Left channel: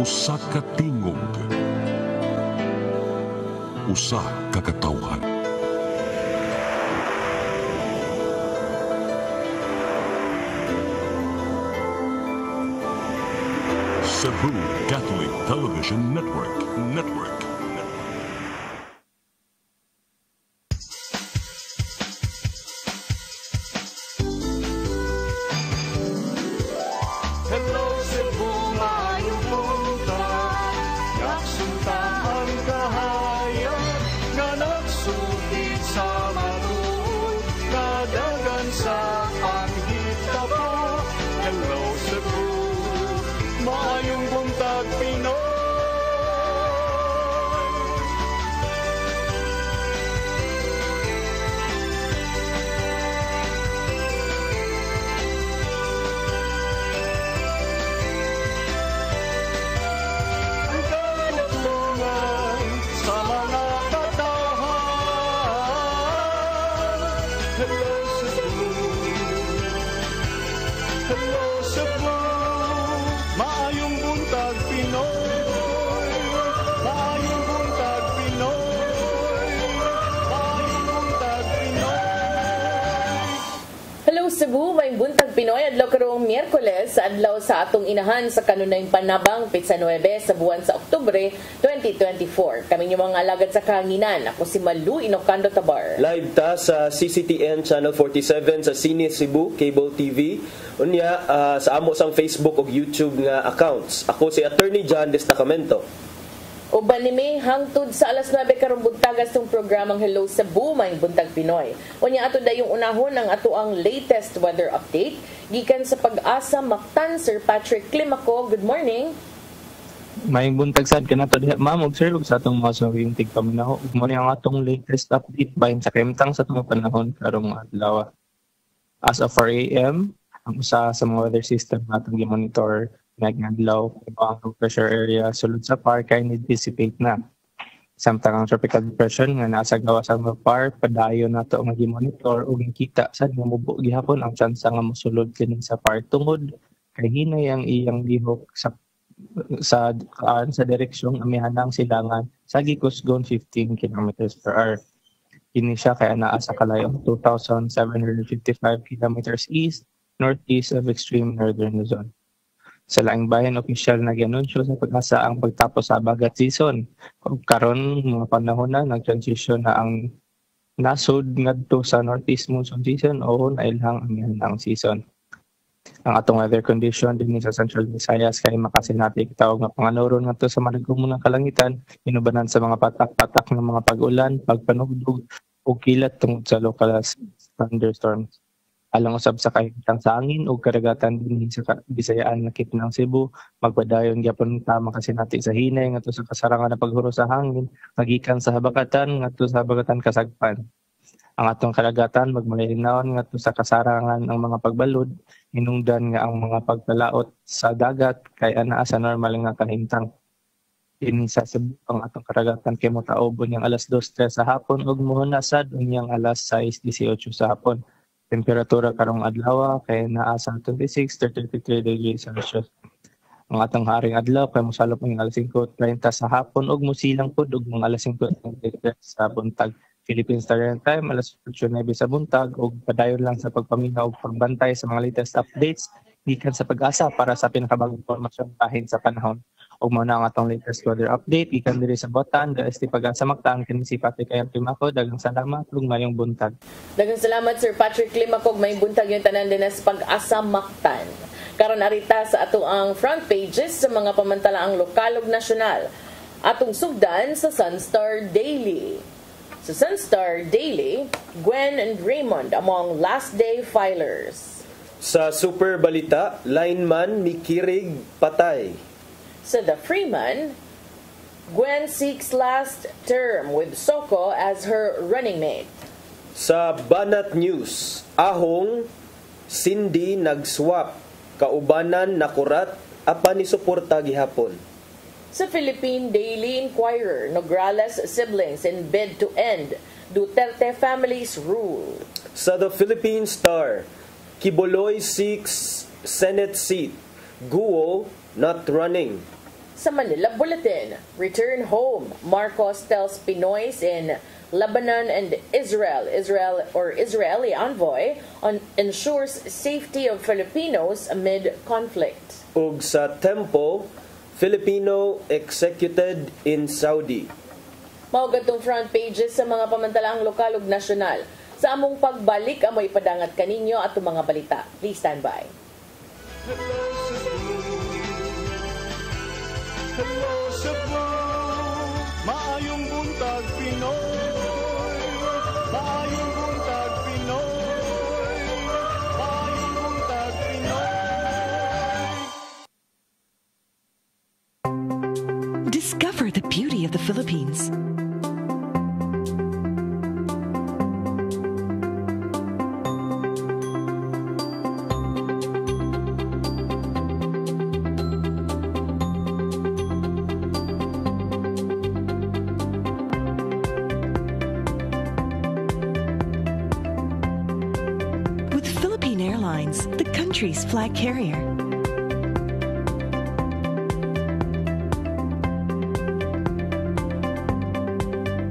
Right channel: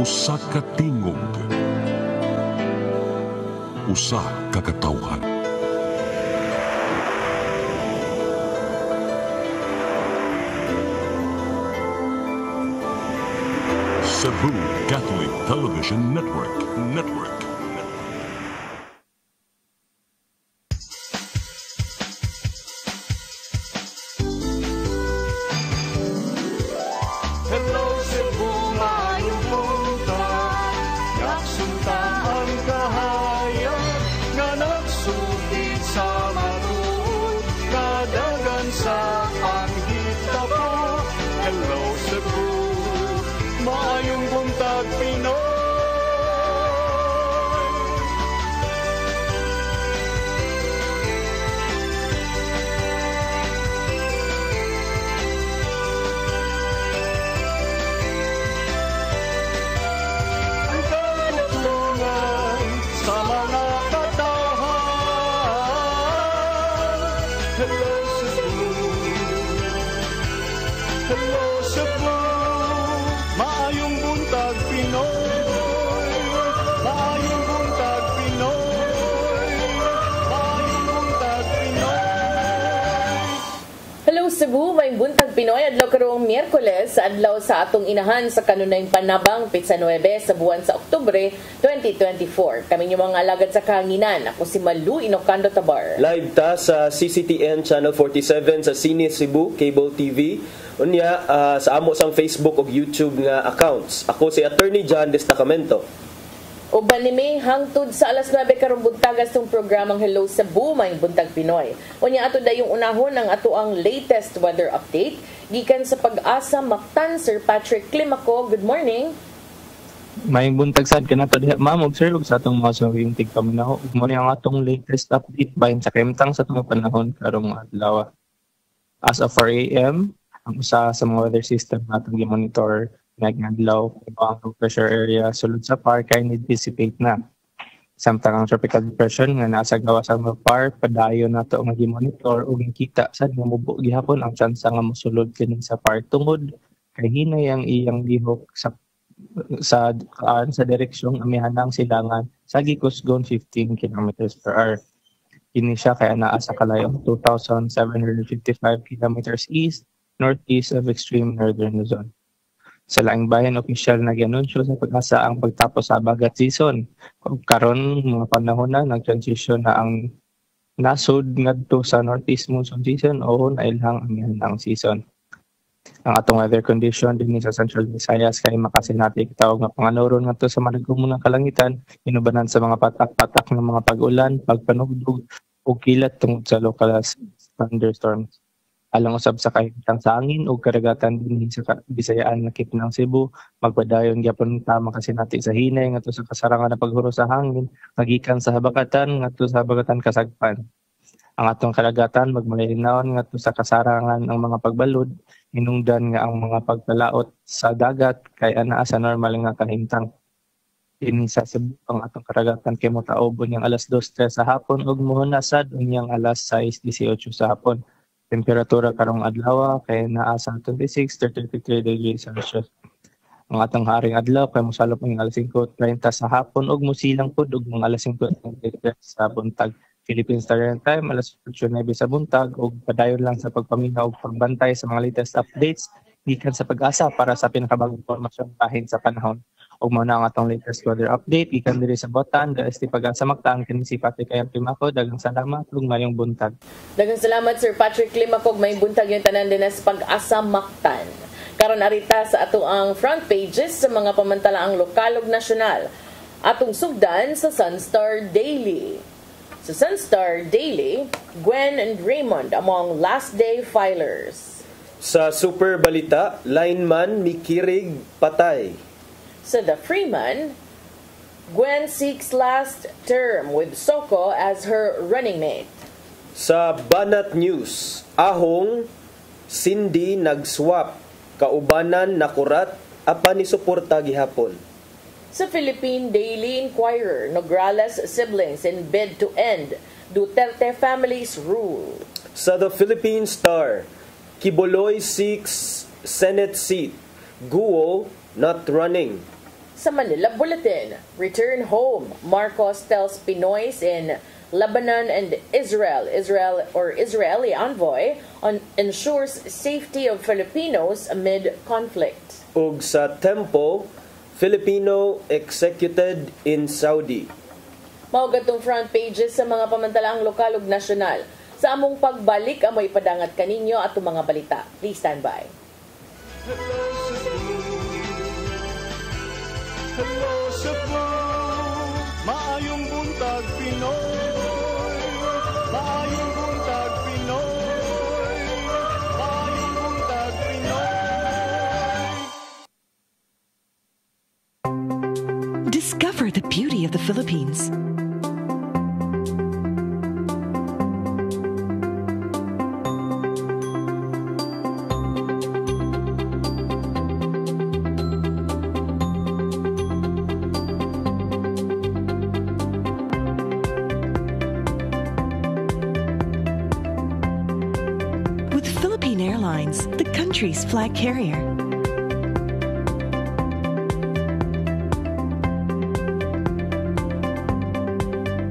Usa ka tingog, usa ka katawhan. Cebu Catholic Television Network. Hello Cebu, maayong buntag. Nagsunta ang kahayag nga nagsulid sa matuod, nadagan sa anghit tapo. Hello Cebu, maayong buntag Pinoy. Ang katutulungan sa mga katawhan. Hello Cebu, hello Cebu, maayong buntag Pinoy, maayong buntag Pinoy, maayong buntag Pinoy. Hello Cebu, may buntag Pinoy adlaw karong Miyerkules adlaw sa atong inahan sa kanunay panabang Pitsa 9 sa buwan sa Oktubre 2024. Kami yung mga alagad sa kahanginan. Ako si Malu Inocando Tabar. Live ta sa CCTN Channel 47 sa Cine Cebu Cable TV. Unya sa amo sang Facebook ug YouTube nga accounts. Ako si Attorney John Destacamento. Uban ni May hangtod sa alas 9 karong buntagas tong programang Hello Cebu, may buntag Pinoy. Unya ato dayong unahon ang ato ang latest weather update gikan sa Pag-asa Mactan. Sir Patrick Climaco, good morning. May buntag sad kanato diha ma'am, observe sa atong mga suwing tigpaminaho. Ug mo ang atong latest update bahin sa kemtang sa atong panahon karong adlaw. As of 4 AM, ang usa sa mga weather system natong gi-monitor nagmadlaw ang low pressure area sulod sa PAR kay ni-dissipate na. Samtang ang tropical depression nga nasa gawas sa PAR padayon nato nga gi-monitor ug nakita sad nga mubo gihapon ang tsansa nga mosulod kini sa PAR tungod kay hinay ang iyang lihok sa direksyong amihanang silangan sa gikusgon 15 kilometers per hour. Kini siya kay anaa sa kalayong 2,755 kilometers east northeast of extreme northern Luzon. Sa laing bayan, opisyal na gianunsyo sa Pag-asa ang pagtapos sa bagat season. Kung karon mga panahon na nag-transition na ang nasod ngadto sa northeast monsoon season o nailhang ang season. Ang atong weather condition din sa Central Visayas kay makasinati kitawag nga panganuron ngadto sa malagom ng kalangitan, inubanan sa mga patak-patak ng mga pag-ulan, pagpanugdog o kilat tungod sa local thunderstorms. Alang usab sa kahitang sa angin o karagatan din sa Bisayaan nga kit ng Cebu, magpadayon gyapon ta makasinati sa hinay ngadto sa kasarangan na paghuro sa hangin, magikan sa habagatan ngadto sa habagatan kasagpan. Ang atong karagatan magmalinawon ngadto sa kasarangan ng mga pagbalod, hinungdan nga ang mga pagpalaot sa dagat kay anaa sa normal nga kahimtang. Ini sa Cebu ang atong karagatan kay makaubon yang alas 2:03 sa hapon ug mohunasad unyang alas 6:18 sa hapon. Temperatura karong adlaw kay naa sa 26 to 33 degrees Celsius. Ang atong haring adlaw kay mosalop ang alas 5:30 sa hapon ug musilang pud ug mga alas 5:33 sa buntag. Philippine Standard Time alas 8:09 sa buntag ug padayon lang sa pagpaminaw ug pagbantay sa mga latest updates gikan sa Pag-asa para sa pinakabagong impormasyon bahin sa panahon. Ug mao na ang atong latest weather update gikan diri sa Botan, DST Pag-asa Mactan, kini si Patrick Climaco. Daghang salamat ug mayong buntag. Daghang salamat Sir Patrick Climaco, may buntag yung tanan din sa Pag-asa Mactan. Karon arita sa ato ang front pages sa mga pamantalaang lokal ug nasyonal. Atong sugdan sa Sunstar Daily. Sa Sunstar Daily, Gwen and Raymond among last day filers. Sa Super Balita, lineman mikirig patay. Sa The Freeman, Gwen seeks last term with Soko as her running mate. Sa Banat News, ahong Cindy nagswap, kaubanan nakurat, apan ni suporta gihapon. Sa Philippine Daily Inquirer, Nograles siblings in bid to end Duterte family's rule. Sa The Philippine Star, Kibuloy seeks Senate seat, Guo not running. sa Manila Bulletin. Return home. Marcos tells Pinoys in Lebanon and Israeli envoy ensures safety of Filipinos amid conflict. Ug sa Tempo, Filipino executed in Saudi. Maugatong front pages sa mga pamantalaang lokal ug nasyonal. Sa among pagbalik, amoy padangat kaninyo at mga balita. Please stand by. Hello Cebu, maayong buntag Pinoy, maayong buntag Pinoy, maayong buntag Pinoy. Discover the beauty of the Philippines. With Philippine Airlines, the country's flag carrier.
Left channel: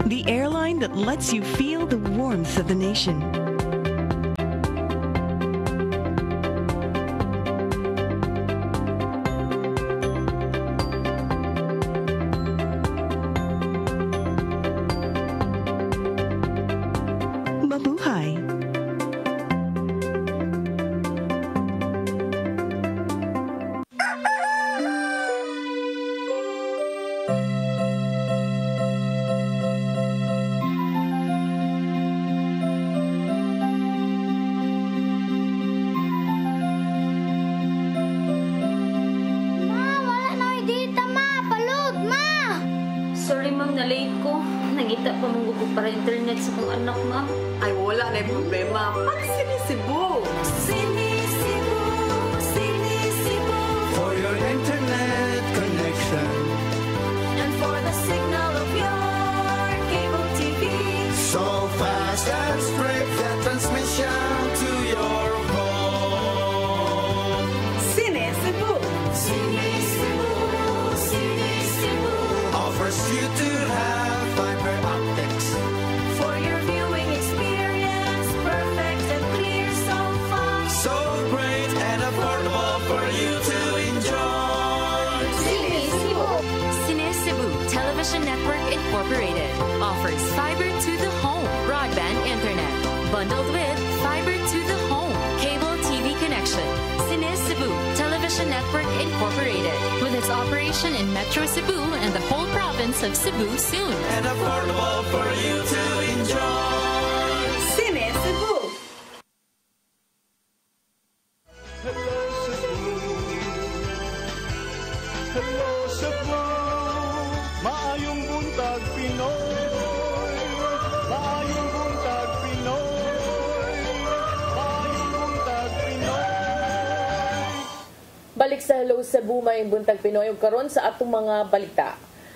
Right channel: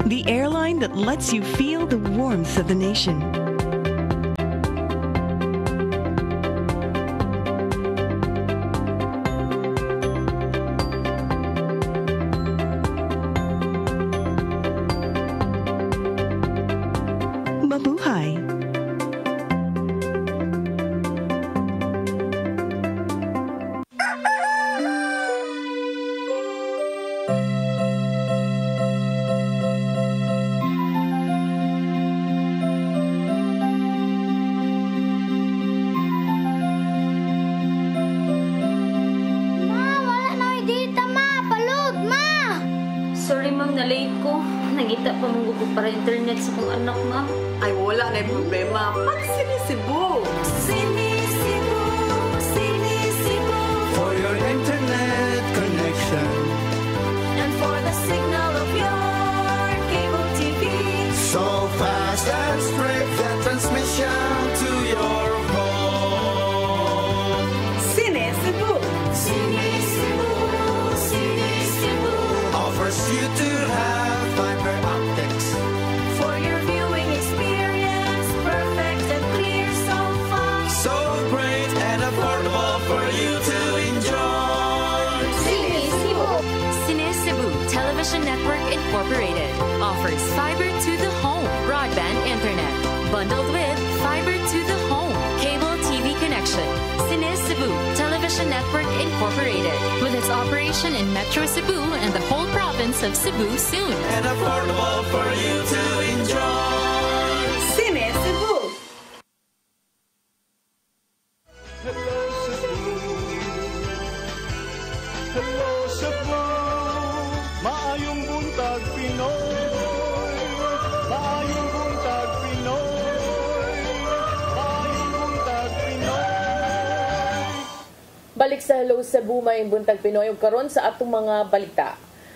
The airline that lets you feel the warmth of the nation. Mabuhay! Sorry ma'am, na-late ko. Nangita pa mong gusto para internet sa kong anak ma'am. Ay, wala na yung problema. Pag-sinisibo. Sinisibo, sinisibo, For your internet connection, and for the signal of your cable TV. so fast and straight the transmission to your home. Sinisibo. Sinisibo, sinisibo, Offers you to have fiber optics. for your viewing experience, perfect and clear so far. So great and affordable for you to enjoy. Sinisibu Television Network Incorporated offers fiber to the home broadband internet bundled with fiber to the home cable TV connection. Sinisibu Television Network Incorporated with its operation in Metro Cebu and the whole province of Cebu soon. And affordable for you to enjoy. Sinisibo. Hello Cebu, hello Cebu, maayong buntag Pinoy, maayong buntag Pinoy, maayong buntag Pinoy. Balik sa Hello Cebu, may buntag Pinoy ug karon sa atong mga balita.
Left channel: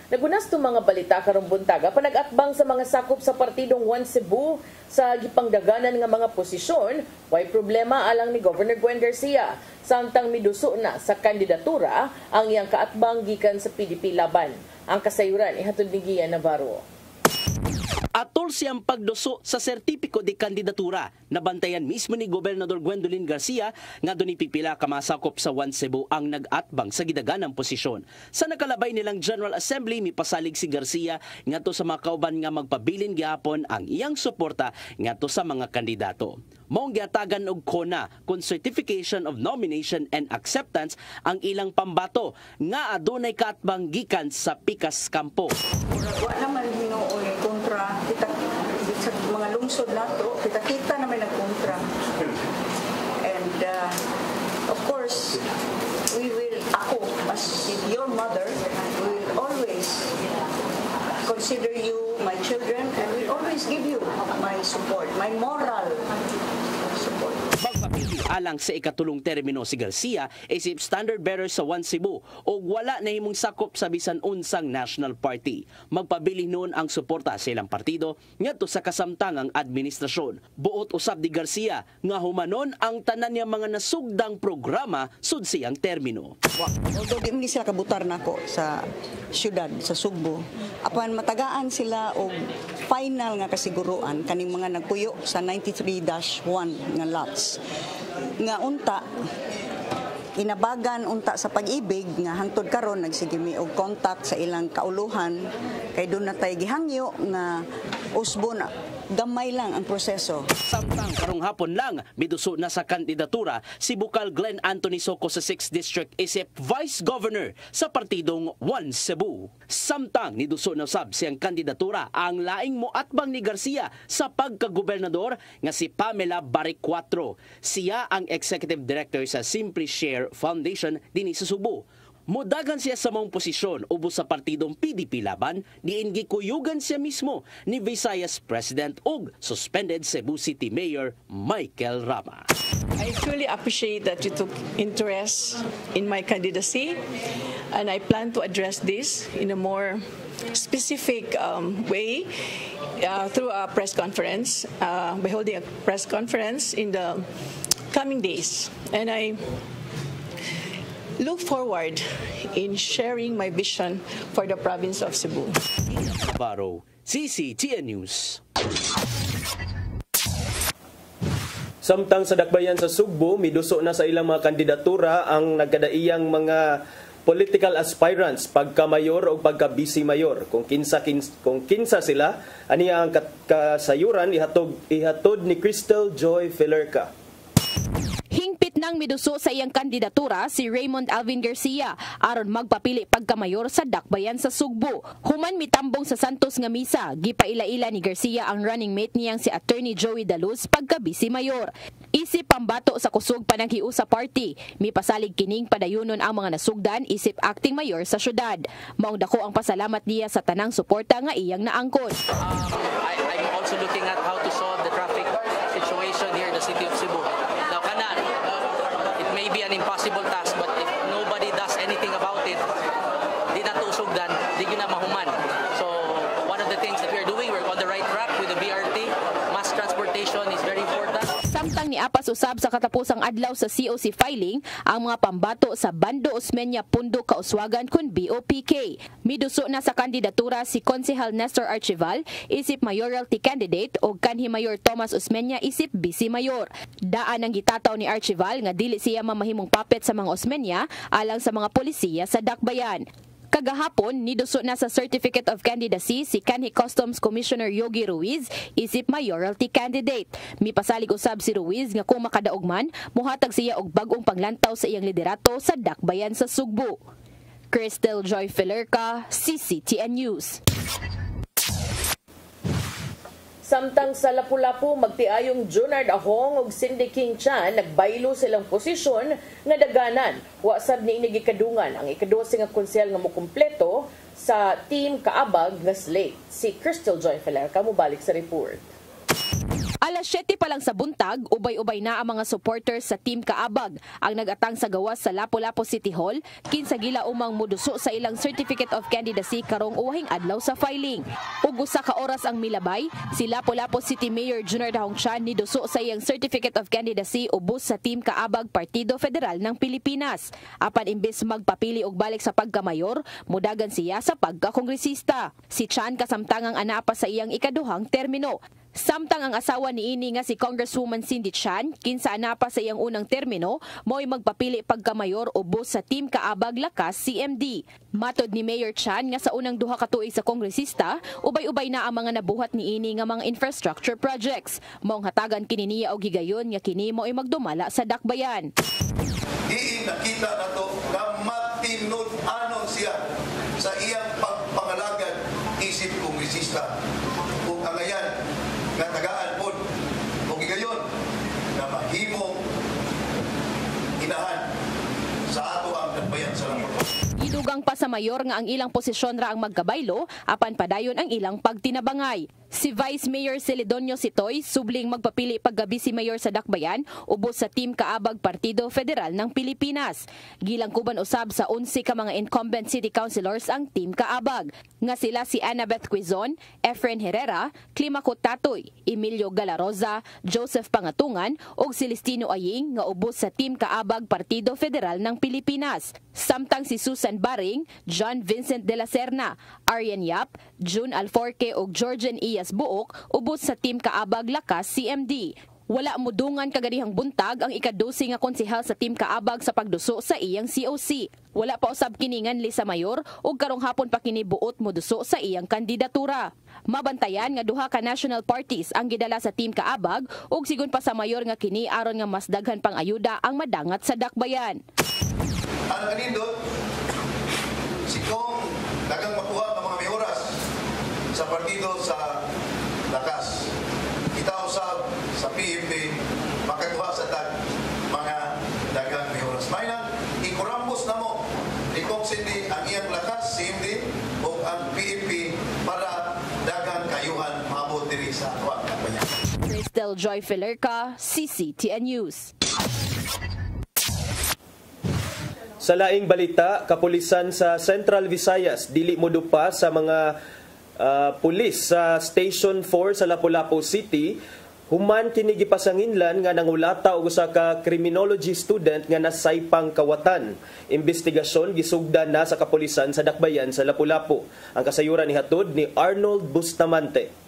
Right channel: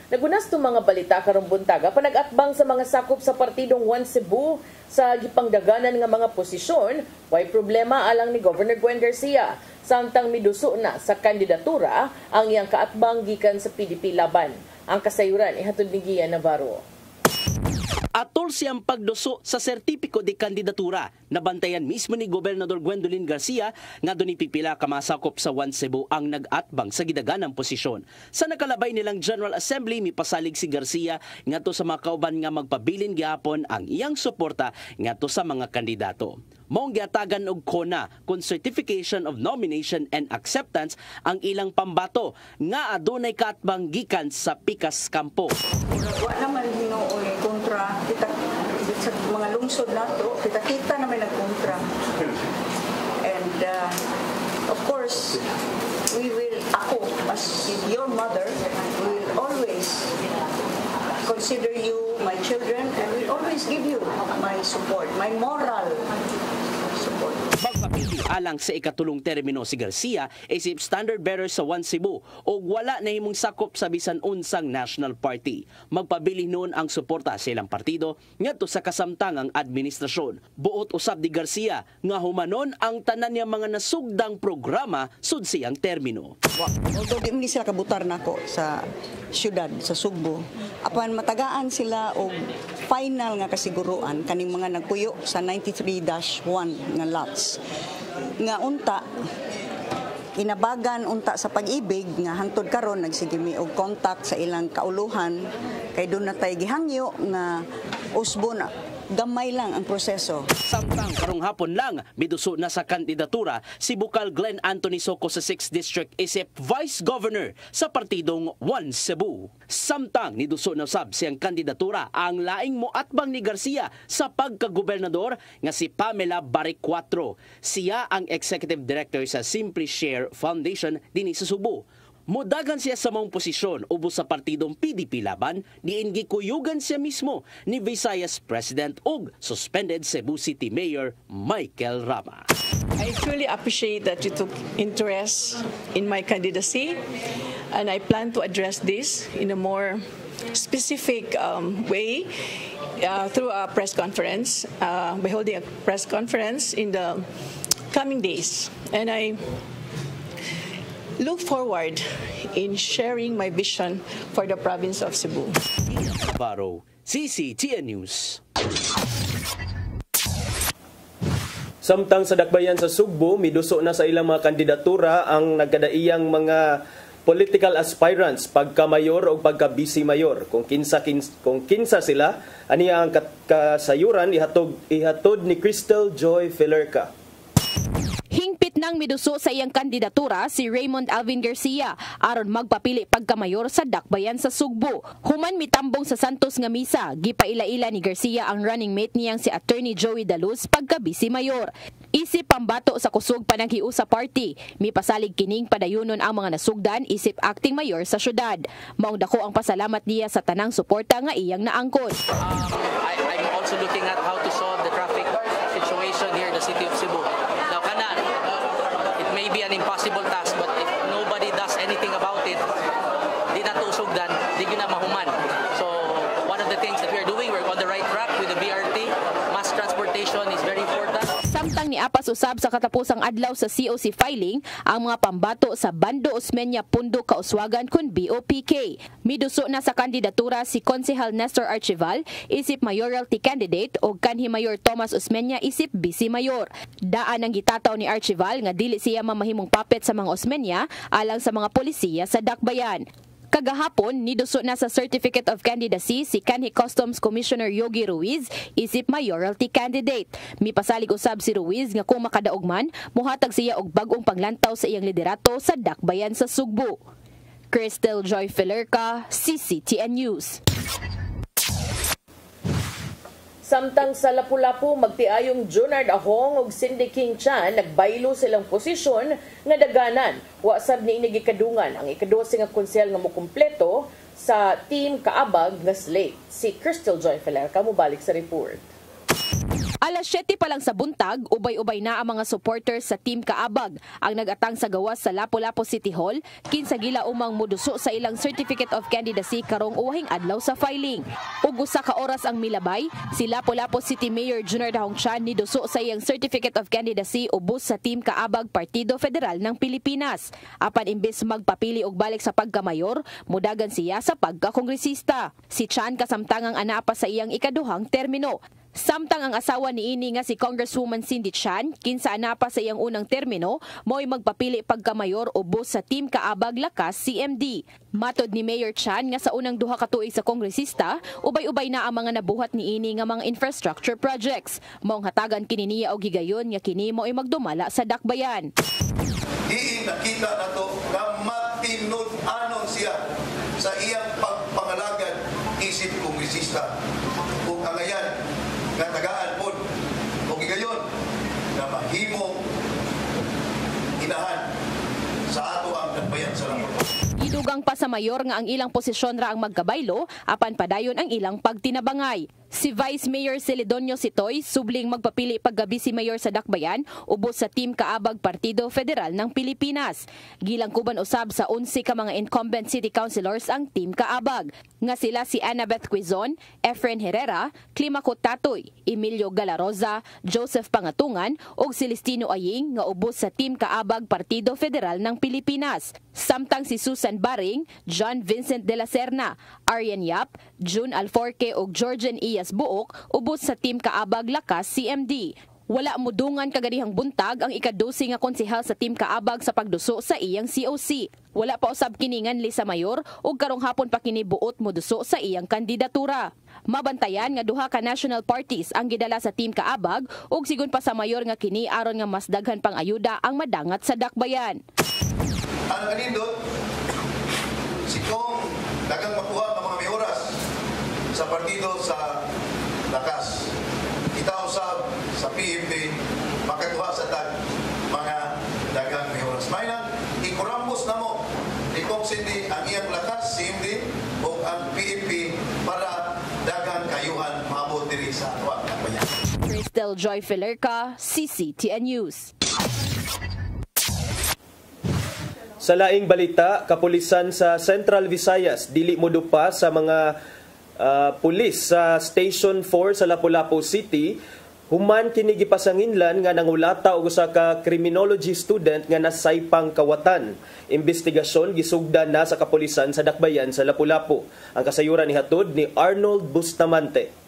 Nagunas tong mga balita karong buntaga panag-atbang sa mga sakop sa partidong One Cebu sa gipangdaganan nga mga posisyon, way problema alang ni Governor Gwen Garcia. Samtang miduso na sa kandidatura ang iyang kaatbang gikan sa PDP laban. Ang kasayuran ihatod ni Gian Navarro. Atol siyang pagduso sa sertipiko de kandidatura. Nabantayan mismo ni Gobernador Gwendolyn Garcia nga doon pipila ka masakop sa One Cebu ang nag-atbang sa gidaganang posisyon. Sa nakalabay nilang General Assembly, mipasalig si Garcia ngadto sa mga kauban nga magpabilin gihapon ang iyang suporta ngadto sa mga kandidato. Maong giatagan og CONA kun Certification of Nomination and Acceptance ang ilang pambato nga adunay kaatbang gikan sa pikas kampo. Wala naman noon kontra. Kita sa mga lungsod nato, kita naman nagkontra. And of course, ako as your mother, we will always consider you my children and will always give you my support, my moral support. Alang sa ikatulong termino si Garcia isip standard bearer sa One Cebu o wala na himong sakop sa bisan unsang national party. Magpabili noon ang suporta sa ilang partido ngadto sa kasamtangang administrasyon. Buot usab ni Garcia nga humanon ang tanan niya mga nasugdang programa sud siyang termino. Although di man sila kabutar nako sa syudad sa Sugbo, apan matagaan sila og final nga kasiguruan kaning mga nagpuyo sa 93-1 nga lots. Nga unta inabagan unta sa pag-ibig nga hangtod karon nagsigimi og contact sa ilang kauluhan kay doon na tay gihangyo nga usbo na gamay lang ang proseso. Samtang karong hapon lang miduso na sa kandidatura si Bukal Glenn Anthony Soco sa 6th District isip Vice Governor sa partidong One Cebu. Samtang niduso na sab siyang kandidatura ang laing moatbang ni Garcia sa pagkagobernador nga si Pamela Barrick 4. Siya ang Executive Director sa Simply Share Foundation dinhi sa Subo. Modagan siya sa maong posisyon ubos sa partidong PDP laban, diin gikuyugan siya mismo ni Visayas President ug suspended Cebu City Mayor Michael Rama. I truly appreciate that you took interest in my candidacy and I plan to address this in a more specific way through a press conference, by holding a press conference in the coming days. And I look forward in sharing my vision for the province of Cebu. Navarro, CCTN News. Samtang sa dakbayan sa Sugbo, miduso na sa ilang mga kandidatura ang nagkadaiyang mga political aspirants pagka-mayor o pagka-vice mayor. Kung kinsa sila, aniya ang kasayuran ihatod ni Crystal Joy Filerca. Hingpit nang miduso sa iyang kandidatura si Raymond Alvin Garcia aron magpapili pagkamayor sa dakbayan sa Sugbo. Human mitambong sa Santos nga misa, gipaila-ila ni Garcia ang running mate niyang si Attorney Joey Daluz pagka-vice mayor. Isip pambato sa kusog pananghiu sa party, mipasalig kining padayunon ang mga nasugdan isip acting mayor sa syudad. Maong dako ang pasalamat niya sa tanang suporta nga iyang naangkon. I'm also looking at how to solve the traffic situation here in the city of Cebu. It may be an impossible task, but if nobody does anything about it, di na tusugdan, di na mahuman. So one of the things that we're doing, we're on the right track with the BRT. Mass transportation is very important. Samtang niapas usab sa katapusang adlaw sa COC filing ang mga pambato sa Bando Osmeña Pundo Kauswagan kun BOPK. Miduso na sa kandidatura si Konsehal Nestor Archival isip mayoralty candidate o kanhi Mayor Thomas Osmeña isip vice mayor. Daan ang gitataw ni Archival nga dili siya mamahimong puppet sa mga Osmeña alang sa mga polisiya sa dakbayan. Kagahapon, niduso na sa Certificate of Candidacy si kanhi Customs Commissioner Yogi Ruiz isip mayoralty candidate. Mipasalig usab si Ruiz nga kung makadaog man, muhatag siya og bag-ong panglantaw sa iyang liderato sa dakbayan sa Sugbo. Crystal Joy Filerca, CCTN News. Samtang sa Lapu-Lapu, magtiayong Junard Ahong ug Cindy King Chan nagbaylo silang posisyon nga daganan. Wasab ni inigikadungan ang ika-12 nga konsehal nga mokumpleto sa Team Kaabag nga slate. Si Crystal Joy Filerca mubalik sa report. Alas 7 pa lang sa buntag, ubay-ubay na ang mga supporters sa Team Kaabag ang nagatang sa gawas sa Lapu-Lapu City Hall kinsa gila umang muduso sa ilang Certificate of Candidacy karong uwahing adlaw sa filing. Ug usa ka oras ang milabay, si Lapu-Lapu City Mayor Junard Ahong Chan niduso sa iyang Certificate of Candidacy ubos sa Team Kaabag Partido Federal ng Pilipinas. Apan imbes magpapili og balik sa pagkamayor, mudagan siya sa pagkakongresista. Si Chan kasamtangang anapa sa iyang ikaduhang termino. Samtang ang asawa ni ini nga si Congresswoman Cindy Chan, kinsa anapa sa iyang unang termino, mo'y magpapili pagkamayor ubos sa Team Kaabag Lakas CMD. Matod ni Mayor Chan nga sa unang duha ka tuig sa kongresista, ubay-ubay na ang mga nabuhat ni ini nga mga infrastructure projects. Maong hatagan kini niya og higayon nga kini mo'y magdumala sa dakbayan. Diin nakita nato nga matinud-anon siya sa iyang pagpangalagad isip kongresista. Kung angayan nga tagaan po o gigayon na mahimong inahan sa ato ang nagbayan sa lahat. Idugang pa sa mayor nga ang ilang posisyon ra ang magkabaylo apan padayon ang ilang pagtinabangay. Si Vice Mayor Celedonio Sitoy subling magpapili paggabi si Mayor sa Dakbayan ubos sa Team Kaabag Partido Federal ng Pilipinas. Gilangkuban usab sa 11 ka mga incumbent city councilors ang Team Kaabag nga sila si Annabeth Quizon, Efren Herrera, Climaco Tatoy, Emilio Galaroza, Joseph Pangatungan ug Celestino Aying nga ubos sa Team Kaabag Partido Federal ng Pilipinas. Samtang si Susan Baring, John Vincent de la Serna, Arian Yap, June Alforque ug Georgian Iyas Buok ubos sa Team Kaabag Lakas CMD. Wala mudungan kagadihang buntag ang ika-12 nga konsehal sa Team Kaabag sa pagduso sa iyang COC. Wala pa usab kiningan li sa mayor ug karong hapon pa kini buot moduso sa iyang kandidatura. Mabantayan nga duha ka national parties ang gidala sa Team Kaabag ug sigon pa sa mayor nga kini aron nga mas daghan pang ayuda ang madangat sa Dakbayan. Ang kanindot, si Kong dagang makuha ng mga mayoras sa partido sa Lakas. Kita usab sa PMP makakuha sa tag mga dagang mayoras. May nang ikurambos na mo ikong sindi ang iyang Lakas, CMD o ang PMP para dagang kayuhan maabot diri sa Dakbayan. Crystal Joy Felerca, CCTN News. Sa laing balita, kapulisan sa Central Visayas dili modupa sa mga pulis sa Station 4 sa Lapu-Lapu City human kini gipasanginlan nga nangulata og usa ka criminology student nga nasaypang kawatan. Investigasyon gisugdan na sa kapulisan sa Dakbayan sa Lapu-Lapu. Ang kasayuran ni hatod ni Arnold Bustamante.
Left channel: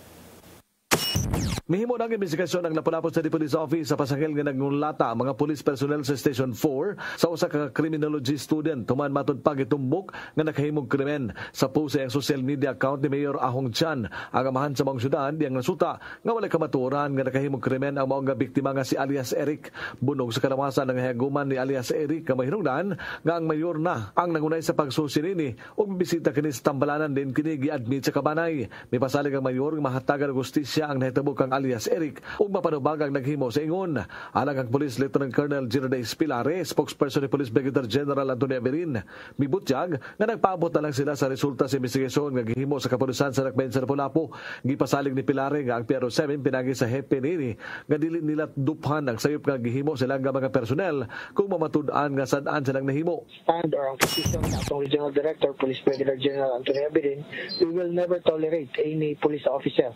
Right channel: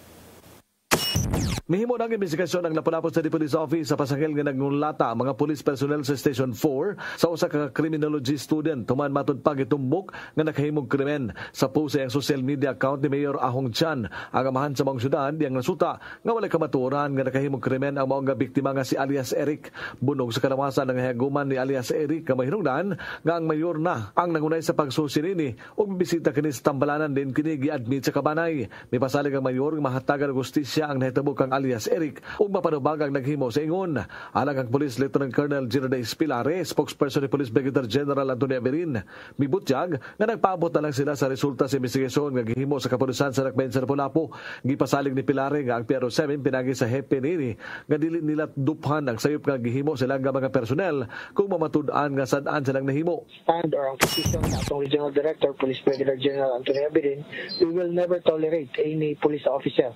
Mihimo ng investigasyon ang Lapu-Lapu City Police Office sa pasangil nga nagngulata ang mga police personnel sa Station 4 sa usa ka criminology student tuman matud pa gitumbok nga nakahimong krimen. Sa post sa social media account ni Mayor Ahong Chan ang amahan sa mga syudad diyang nasuta nga wala kamatuoran nga nakahimong krimen ang maong nga biktima nga si alias Eric. Bunog sa kalawasan ng haguman ni alias Eric nga mahinungdan nga ang mayor na ang nangunay sa pagsusirini ug bisita kini sa tambalanan din kini gi-admit sa kabanay. May pasalig ang mayor nga mahatagan og hustisya ang nahitabo kang alias Eric ug mapanubagang naghimo sa ingon. Alang ang Police Lieutenant Colonel Girardes Pilare, spokesperson ni Police Brigadier General Antonio Averin, mibutyag nga nagpaabot na lang sila sa resulta sa investigasyon nga gihimo sa kapulisan sa Dakbayan sa Lapu-Lapu. Gipasalig ni Pilare nga ang PRO7 pinagi sa hepe nini nga dili nila duphan ang sayop nga gihimo sila nga mga personnel kung mamatud-an nga sad-an silang nahimo. Stand or ang position sa atong Regional Director, Police Brigadier General Antonio Averin, we will never tolerate any police officer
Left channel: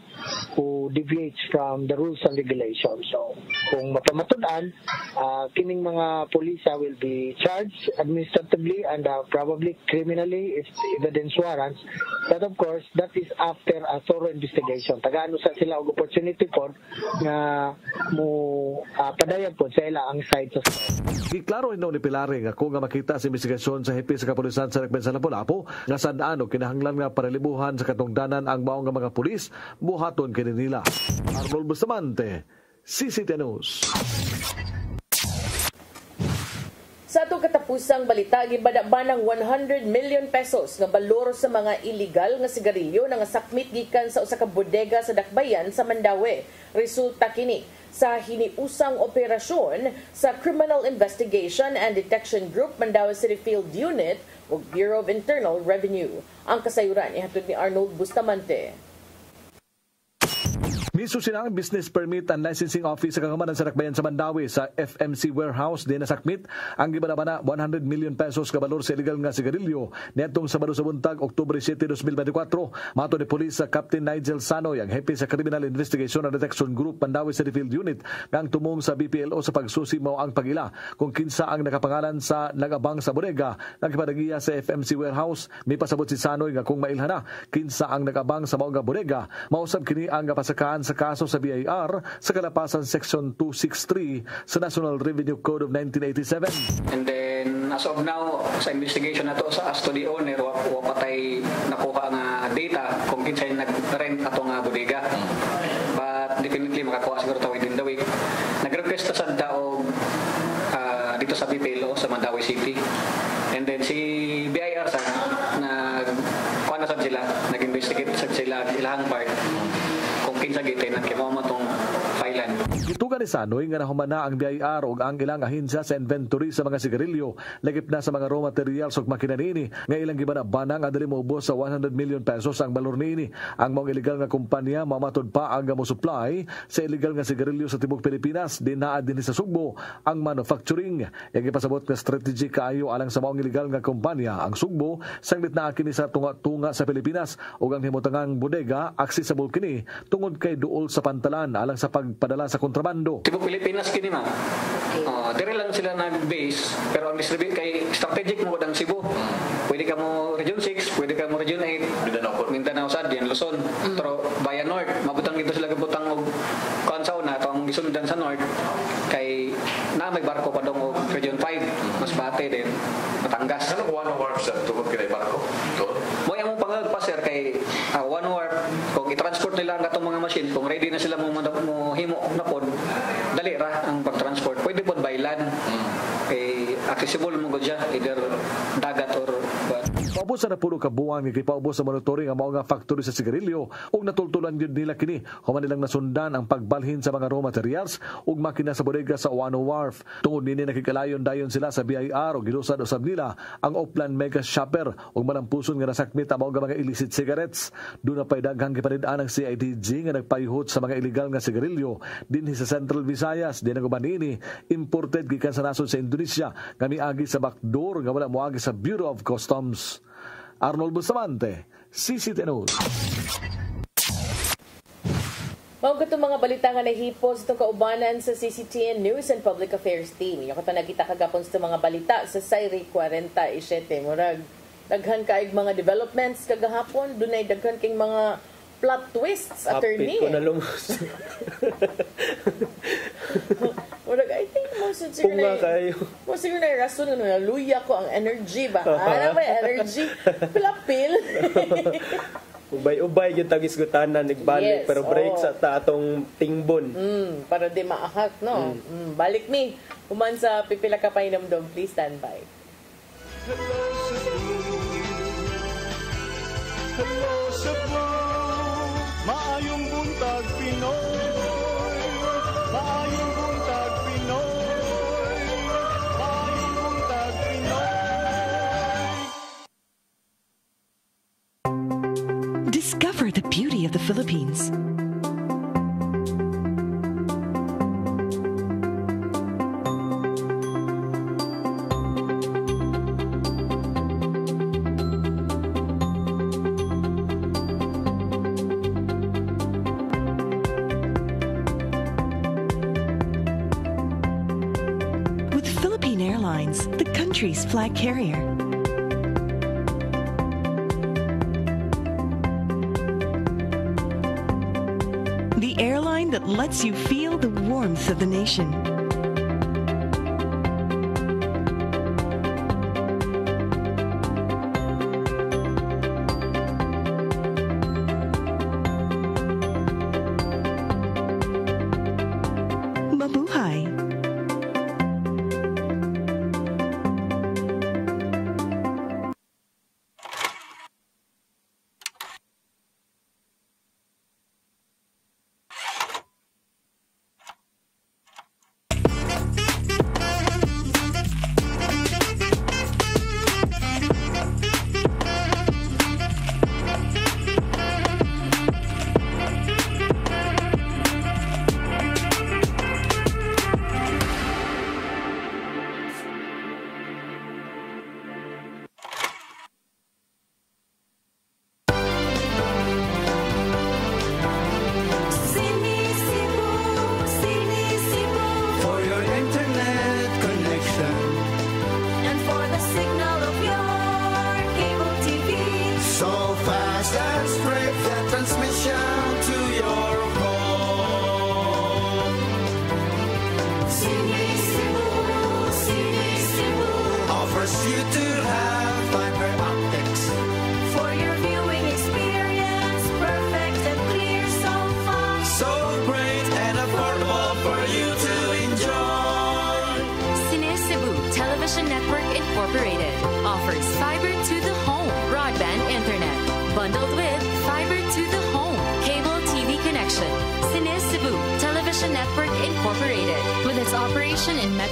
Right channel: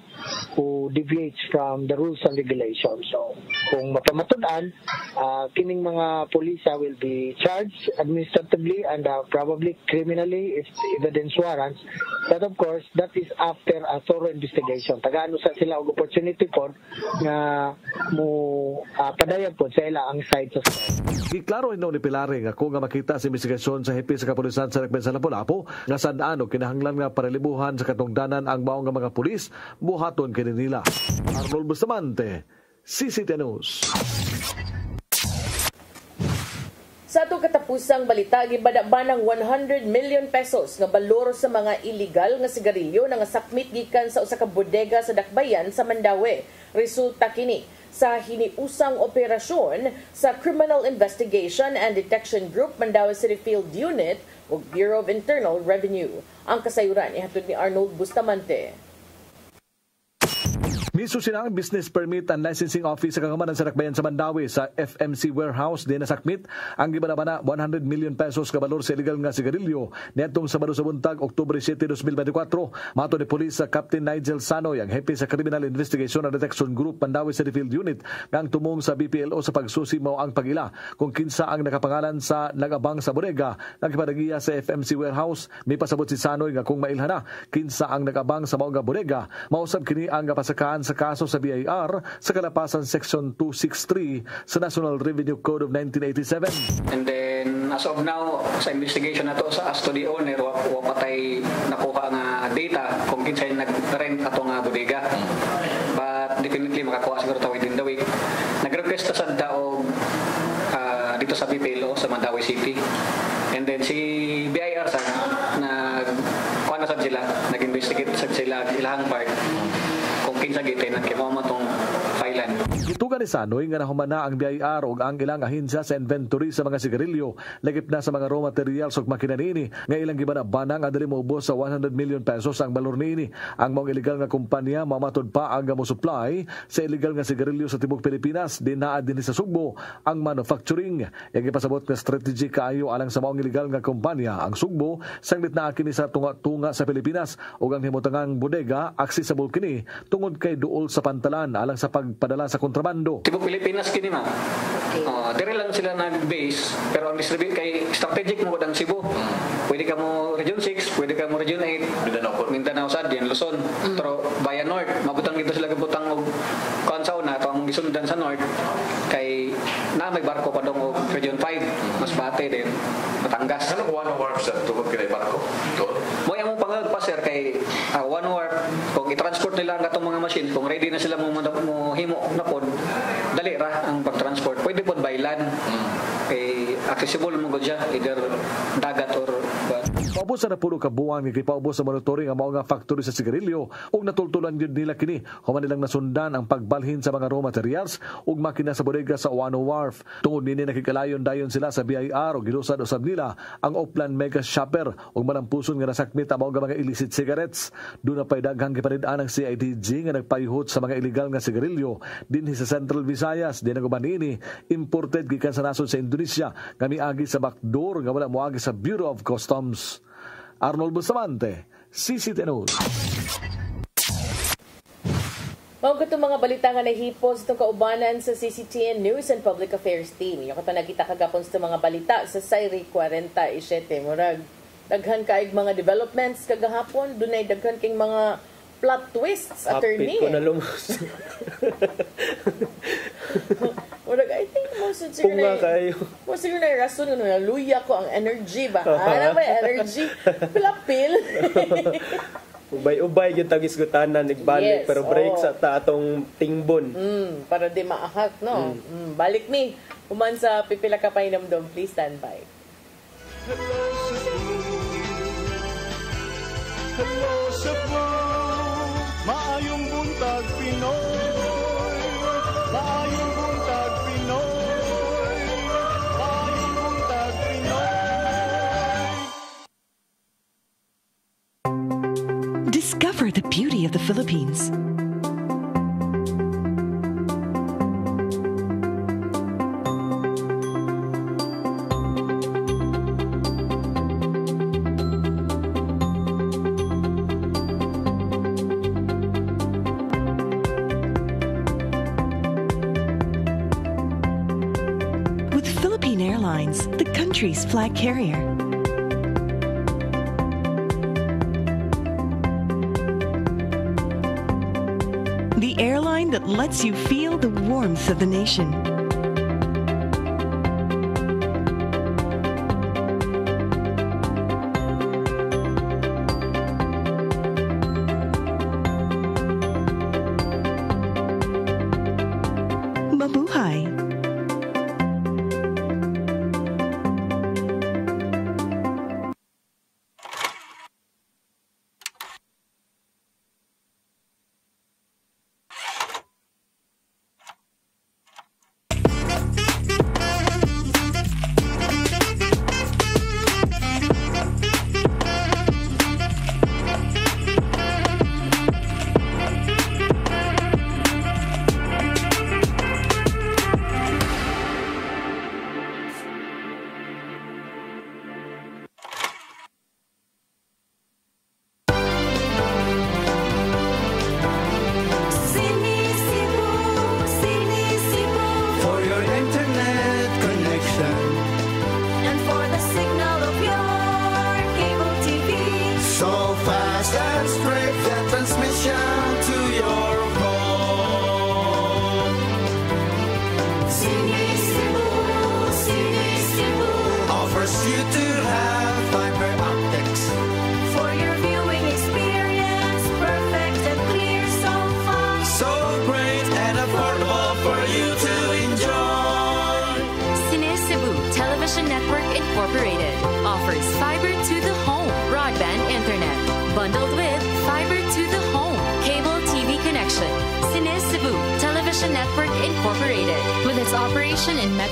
who deviates from the rules and regulations. So, kung mapamatudan, kining mga polisa will be charged administratively and probably criminally if evidence warrants. But of course, that is after a thorough investigation. Tagaano sa sila og opportunity po na mo padayon po sa ila ang side sa Giklaro ino ni Pilare nga kung nga makita sa investigasyon sa hepe sa kapulisan sa Dakbayan sa Lapu-Lapu nga saan-ano kinahanglan nga paralibuhan sa katungdanan ang maong nga mga pulis buhaton kini nila. Arnold Bustamante, CCTN News. Sa atong katapusang balita, gibadaba ng 100 million pesos nga balor sa mga illegal nga sigarilyo na nga sakmit gikan sa usa ka bodega sa Dakbayan sa Mandaue. Resulta kini sa hiniusang operasyon sa Criminal Investigation and Detection Group Mandaue City Field Unit o Bureau of Internal Revenue. Ang kasayuran ihatod ni Arnold Bustamante. Miso sila ang Business Permit and Licensing Office sa kagamanan sa Dakbayan sa Mandaue sa FMC Warehouse din nasakmit ang gibadabana 100 million pesos kabalor sa illegal nga sigarilyo netong Sabado sa buntag Oktubre 7, 2024. Mato ni Police sa Captain Nigel Sanoy ang hepe sa Criminal Investigation and Detection Group Mandaue City Field Unit nga ang tumong sa BPLO sa pagsusi mao ang pagila kung kinsa ang nakapangalan sa nagabang sa bodega nagpadagiya sa FMC Warehouse. May pasabot si Sanoy nga kung mailhana kinsa ang nagabang sa mao nga bodega mausab kini ang gapasakaan sa kaso sa BIR sa kalapasan Section 263 sa National Revenue Code of 1987. And then, as of now, sa investigation na to sa as to the owner, wapatay nakuha nga data kung kinsay nag-rent ato nga bodega. But definitely makakuha siguro to within the week. Nag-request sa Santa o dito sa BPLO sa Mandaue City. And then si BIR sa kuha na sa sila, nag-investigate sa sila ilang part. Kinsa gitin ang kimaw matong filean. Gitugan ni Isanoy nga nahumana ang BIR o ang ilang ahensya sa inventory sa mga sigarilyo, lagip na sa mga raw materials o makina niini, nga ilang gibana-bana nga dili maubos sa 100 million pesos ang balor niini. Ang mga illegal nga kumpanya mamatod pa ang mo-supply sa illegal nga sigarilyo sa tibok Pilipinas, dinaa din sa Sugbo ang manufacturing. Yang ipasabot nga strategy kaayo alang sa mga illegal nga kumpanya ang Sugbo, sanglit na kini sa tunga-tunga sa Pilipinas ug ang himutangang bodega accessible kini tungod kay duol sa pantalan alang sa pagpadala sa kontrabando. Tibok Pilipinas kini ma. Dire lang sila nag-base pero ang distribute kay strategic mo ang Cebu. Pwede ka mo Region 6, pwede ka mo Region 8, Mindanao Sad, yan Luzon. Pero Bayan North, mabutang dito sila gabutang og kansaw na atong gisundan sa North kay na may barko pa dong og Region 5, Masbate din, Batangas. Ano one hour sa tungod kay barko? Mo yang mong pangag pa sir kay one hour kung i-transport nila ang katong mga machine, kung ready na sila mo himo na pod, dali ra ang pag-transport. Pwede pod by land. Accessible mo gud siya either dagat or paubos sa napuno ka buwan nga gipaubos sa monitoring ang mga factory sa sigarilyo ug natultulan gyud nila kini human nilang nasundan ang pagbalhin sa mga raw materials ug makina sa bodega sa Oano Wharf. Tungod nini nakikalayon dayon sila sa BIR ug gilusad usab nila ang Oplan Mega Shopper ug malampuson nga nasakmit ang mga illicit cigarettes. Doon na pay daghang giparid-an ang CIDG nga nagpayhot sa mga illegal nga sigarilyo dinhi sa Central Visayas. Di naguban nini imported gikan sa nasod sa Indonesia nga miagi sa backdoor nga wala moagi sa Bureau of Customs. Arnold Bustamante, CCTV News. Mga itong mga balita nga nahipos itong kaubanan sa CCTN News and Public Affairs Team. Yung kung nakita kagapon sa mga balita sa Sairi 47. Murag, daghan kaig mga developments kagahapon. Dunay daghan king mga plot twists, attorney. Hapit ko na lumos. Murag, I think most siguro na rason nung naluya ko ang energy ba? Ano ba energy? Pilapil. Ubay-ubay yung tagisgutanan nagbalik, pero break sa atong tingbon. Para di maahak, no? Balik ni. Human sa pipila ka pa inamdom. Please stand by. Hello Cebu, maayong buntag Pinoy. Maayong buntag Pinoy. Maayong buntag Pinoy. Discover the beauty of the Philippines. With Philippine Airlines, the country's flag carrier. The airline that lets you feel the warmth of the nation. Mabuhay.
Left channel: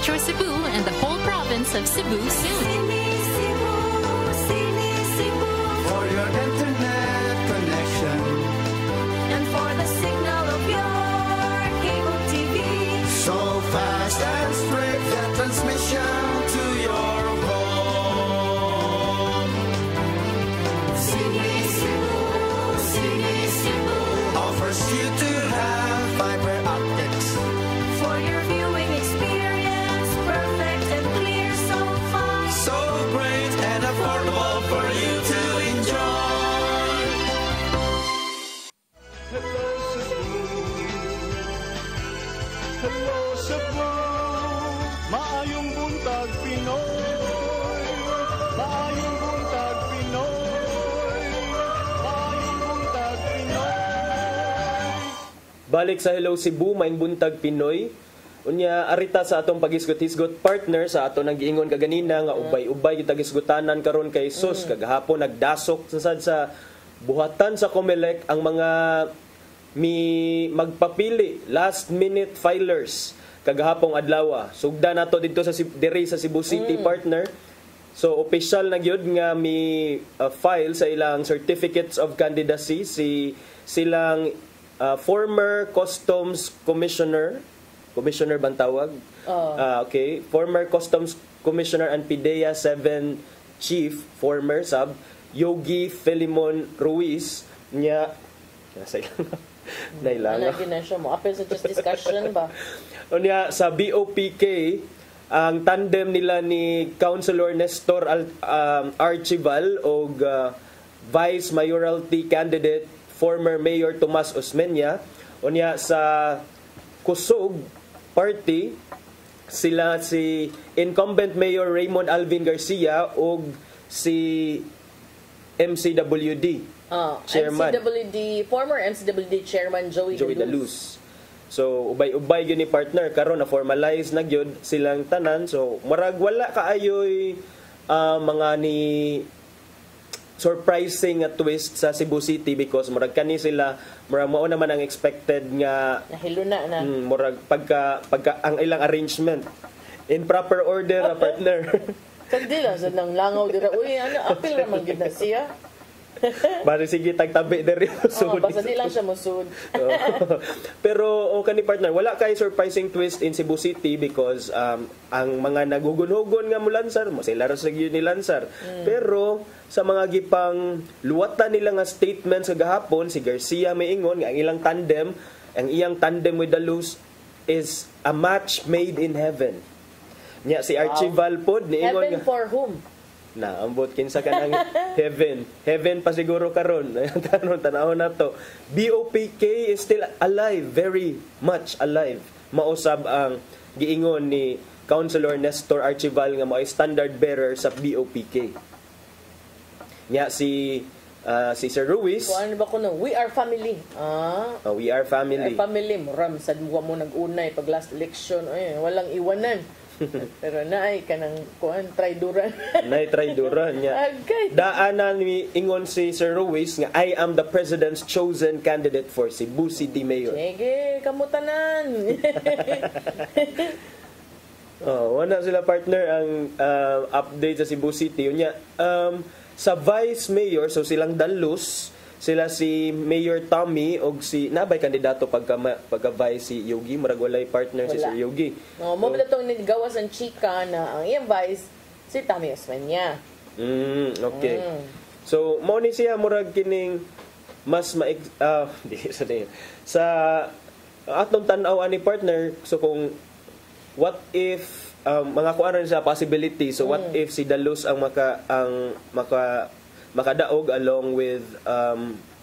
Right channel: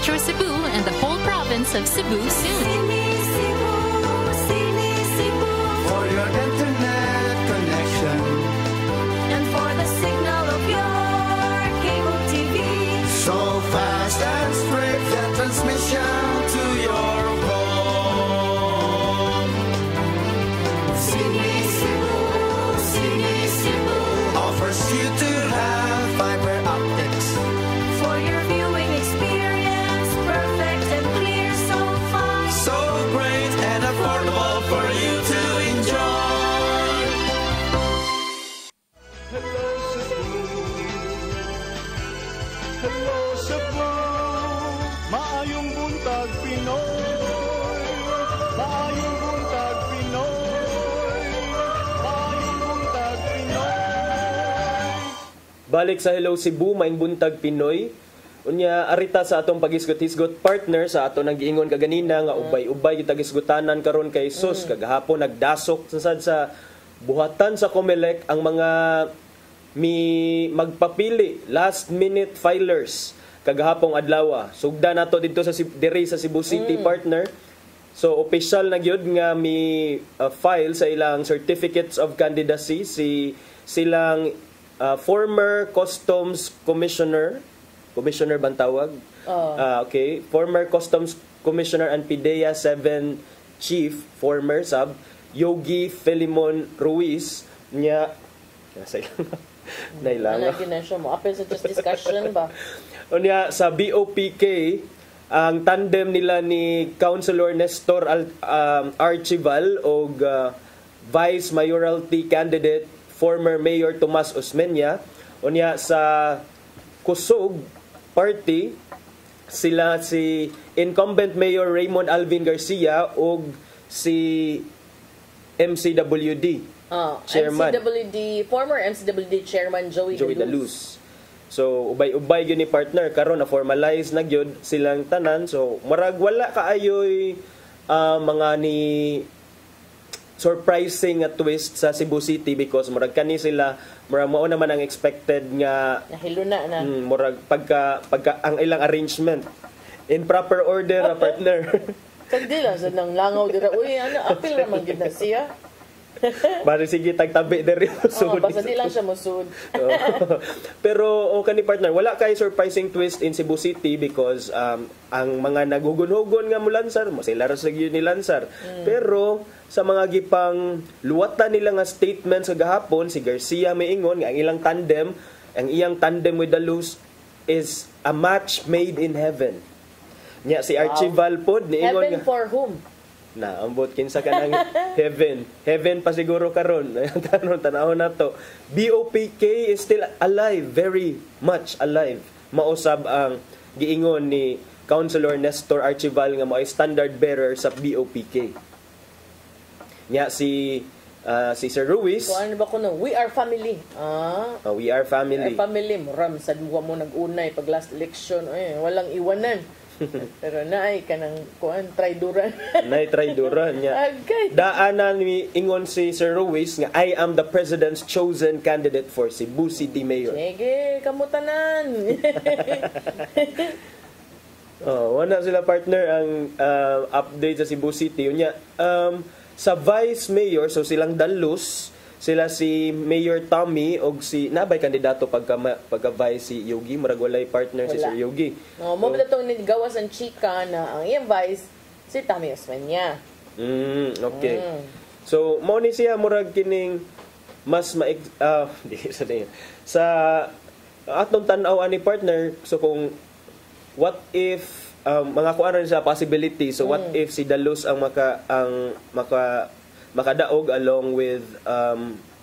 Metro Cebu and the whole province of Cebu soon. For your internet connection And for the signal of your cable TV. so fast and straight that transmission to your home. Sini Cebu Offers you to have fiber optics. for your viewing experience, perfect and clear so far. So great and affordable for you to enjoy. Hello Cebu, maayong buntag Pinoy. Maayong buntag Pinoy. Maayong buntag Pinoy. Balik sa Hello Cebu, maing buntag Pinoy. Unya arita sa atong pagisgot-hisgot partner sa ato nang giingon kaganina nga ubay-ubay kita gisgutanan karon kay sus kagahapon nagdasok sad sa buhatan sa COMELEC ang mga magpapili last minute filers kagahapong adlaw. Sugda nato dito sa diri sa Cebu City partner. So official na gyud nga file sa ilang certificates of candidacy silang former customs commissioner bang tawag? Okay. Former Customs Commissioner and PIDEA 7 Chief, former sub, Yogi Filimon Ruiz, niya, nailanga. Ano siya mo? Apel sa just discussion ba? Unya, sa BOPK, ang tandem nila ni Councilor Nestor Archival o Vice Mayoralty Candidate, former Mayor Tomas Osmeña. Unya, sa Kusog Party, sila si incumbent Mayor Raymond Alvin Garcia o si MCWD Chairman. Former MCWD Chairman Joey Daluz. So ubay-ubay gyud ni partner karon na formalize na gyud silang tanan. So marag wala kaayoy mga ni surprising twist sa Cebu City because murag kani sila murag mao naman ang expected nga nahiluna na. Murag pagka ang ilang arrangement in proper order na partner. Sagdi lang sa nang langaw dira. Uy, ano apil ra man gid na siya. Bari sige tagtabi diri sud. Basta di lang siya mosud. Pero kani partner, wala kay surprising twist in Cebu City because ang mga nagugunhugon nga mulansar, sila ra sa gyud ni lansar. Pero sa mga gipang luwatan nila nga statement sa gahapon, si Garcia miingon nga ang iyang tandem with Daluz is a match made in heaven. Nya si Archival pod niingon Heaven for whom? Na ambot kinsa kanang heaven pa siguro karon tanong tanawon nato. BOPK is still alive, very much alive. Mausab ang giingon ni Councilor Nestor Archival nga mao standard bearer sa BOPK. Nya si Sir Ruiz. So ano ba kuno? We are family. We are family. We are family. Ram sa duwa mo nag-unay pag last election, walang iwanan. Pero naay kanang kuan traidoran. Naay traidoran niya. Okay. Daanan ni ingon si Sir Ruiz nga I am the president's chosen candidate for Cebu City Mayor. Sige, kamutanan. Wala sila partner ang update sa Cebu City. Unya, sa Vice Mayor, so silang Daluz, sila si Mayor Tommy o si nabay kandidato pagka Vice si Yogi, murag walay partner si Sir Yogi. Mo ba itong gawas ang chika na ang iyang Vice si Tommy Osmeña. Okay. So mo ni siya murag kining mas sa atong tan-aw ani partner, so kung what if mga kuan sa possibility, so what if si Daluz ang makadaog along with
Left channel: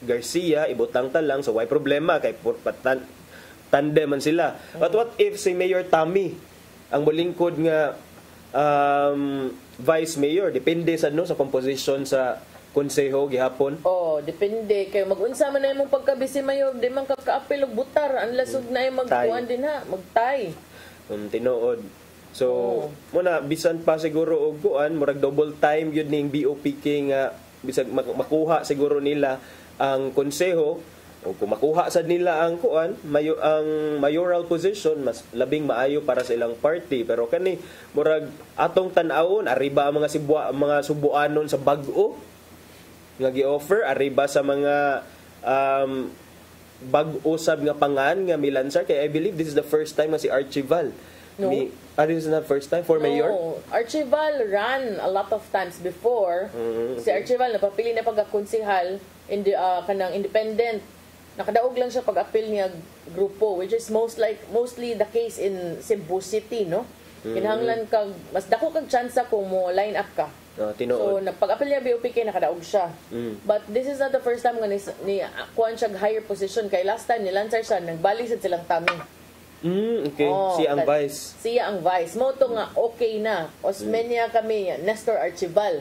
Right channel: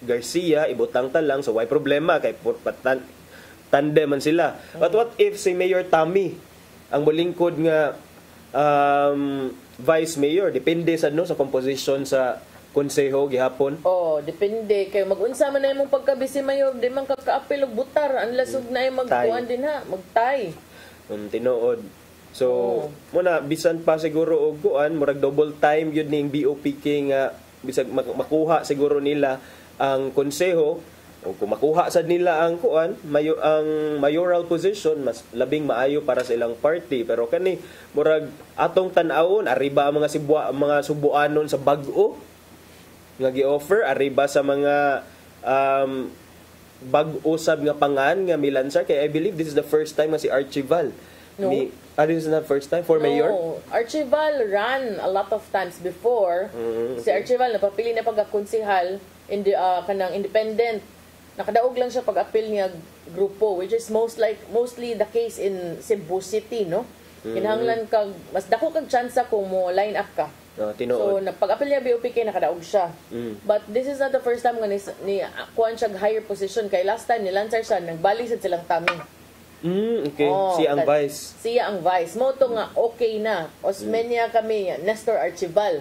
Garcia, ibutang ta lang, so why problema kay tandem man sila. But what if si Mayor Tommy ang molingkod nga Vice Mayor, depende sa sa composition sa konseho gihapon. Depende kay mag-unsa man imong pagka-vice mayor, di man ka-apil og butar, unless ug naay magkuan din ha, magtay. Tinuod. So, muna bisan pa siguro og kuan, murag double time yun ning BOPK nga bisag makuha siguro nila ang konseho. O kung makuha sad nila ang kuan, ang mayoral position, mas labing maayo para sa ilang party. Pero kani murag atong tan-awon, arriba ang mga Subuanon sa bag-o nga gi-offer, arriba sa mga bag-o sab nga pangan nga milansar. Kaya I believe this is the first time nga si Archival No. this is not first time for mayor? No, Archival ran a lot of times before. Si Archival napapili na pagkakonsihal kanang independent. Nakadaog lang siya pag-appeal niya grupo, which is mostly the case in Cebu City, no? Kinahanglan kag mas dako kag tsansa kung mo line up ka. So nagpag-appeal niya BOPK nakadaog siya. But this is not the first time nga ni kuan siya higher position kay last time nilansar siya nagbalik sad silang tami. Okay. Siya ang vice. Siya ang vice. Moto nga, okay na. Osmeña kami, Nestor Archival.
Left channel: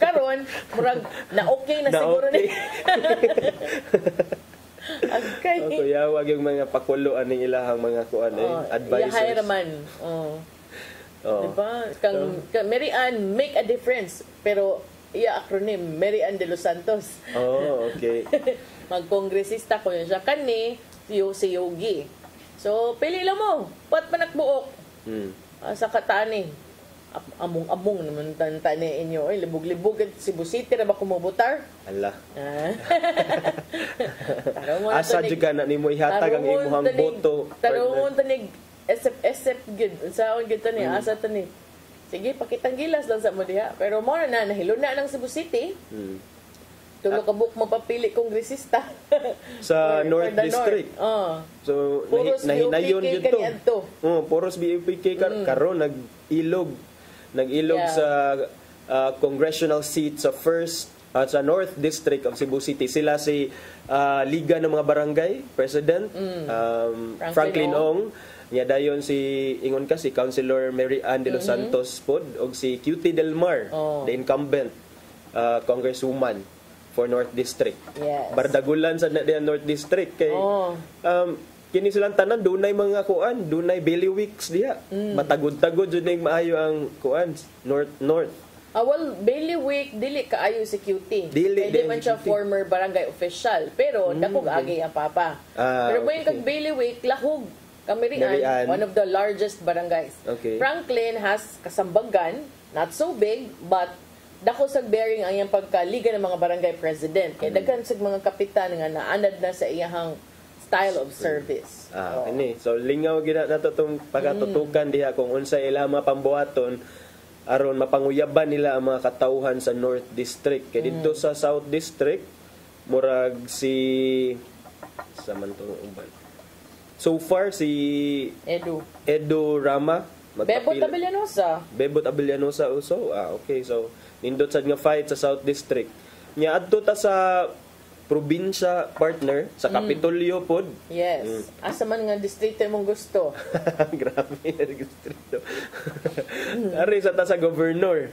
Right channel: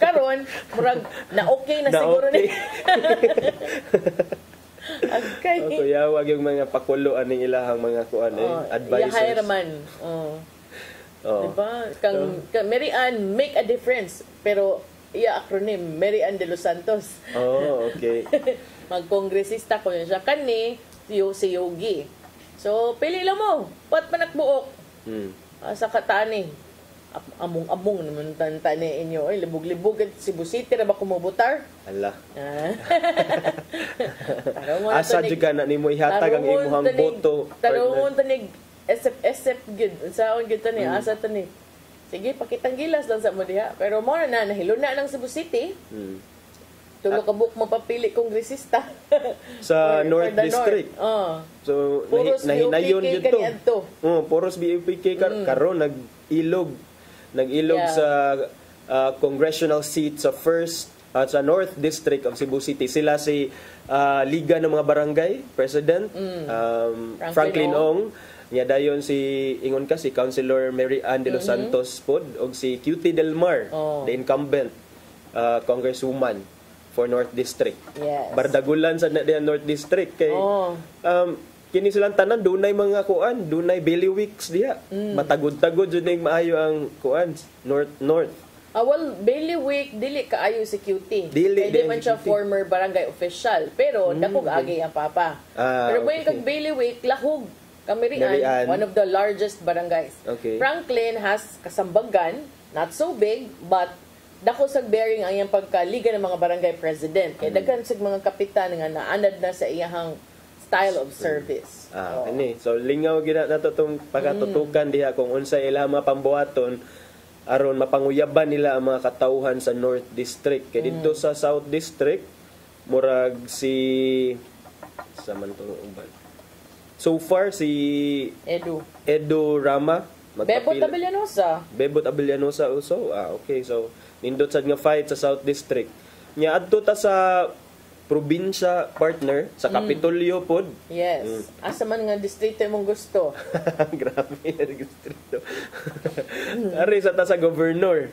Karon, murag, na okay na siguro okay. Okay. Yawag yung mga pakulo aning ilahang mga kuan advisors. Yahay raman. Diba? Kang Mary Ann, make a difference. Pero, acronym, Mary Ann de los Santos. Okay. Magkongresista ko yun siya. Kani, si Yogi. So, pili lang mo. Pat manakbuok. Sa katani. Among naman tani inyo. Ay, libog-libog at Cebu City na ba kumubutar? Ala. Asa juga na ni mo ihatag ang imuhang boto. Tarungon tanig SF gid. Saon gid tani asa tani. Sige, pakitang gilas lang sa mo diha. Pero mo na nahiluna ng Cebu City. Tulo ka book mapapili kongresista sa North District. So nahinayon gito. Poros BOPK karon nag-ilog sa congressional seat sa first sa North District of Cebu City. Sila si Liga ng mga Barangay President Franklin Ong. Nya dayon si Councilor Mary Ann de los Santos pod og si QT Del Mar, the incumbent congresswoman for North District. Yes. Bardagulan sa North District kay kini silang tanan dunay mga kuan, dunay bailiwicks diha. Matagod-tagod jud ning maayo ang kuan North. Well, bailiwick dili kaayo si QT. Dili man siya former barangay official, pero dako agi ang papa. Pero when kag bailiwick lahog Kamirian, one of the largest barangays. Okay. Franklin has kasambagan, not so big, but dako sa bearing ang iyang pagkaliga ng mga barangay president. Kaya daghan sa mga kapitan nga naanad na sa iyahang style of service. So lingaw gid nato tong pagatutukan diha kung unsa ila mapambuhaton aron mapanguyaban nila ang mga katawhan sa North District. Kay dito sa South District murag si so far si Edu Rama Bebot Abellanosa also. Okay, so nindot sad nga fight sa South District. Nya adto ta sa probinsya partner sa Kapitolyo pod. Yes. Asa man nga distrito mong gusto. Grabe na distrito. Ari sa ta sa governor.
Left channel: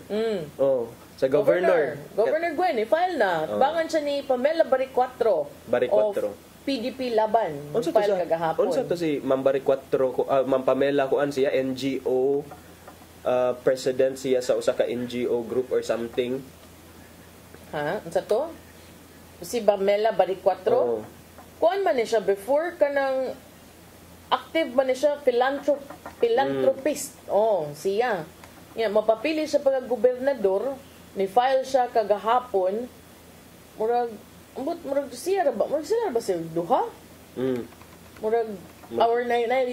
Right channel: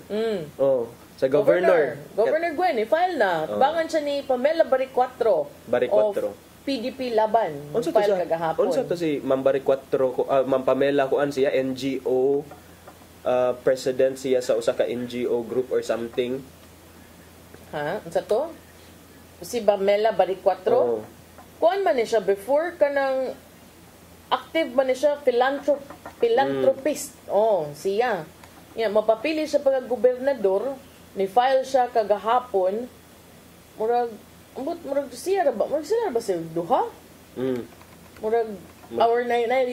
Sa governor. Governor Gwen, file na. Bangan siya ni Pamela Baricuatro. Baricuatro. PDP Laban. Unsa to si Ma'am Baricuatro, Ma'am Pamela kuan siya NGO president siya sa usa ka NGO group or something. Unsa to? Si Pamela Baricuatro. Kuan man siya before kanang active man siya philanthropist. Siya. Mapapili siya pagka gobernador, ni file siya kagahapon. Murag siya ba? Murag sila ba siya duha? Murag our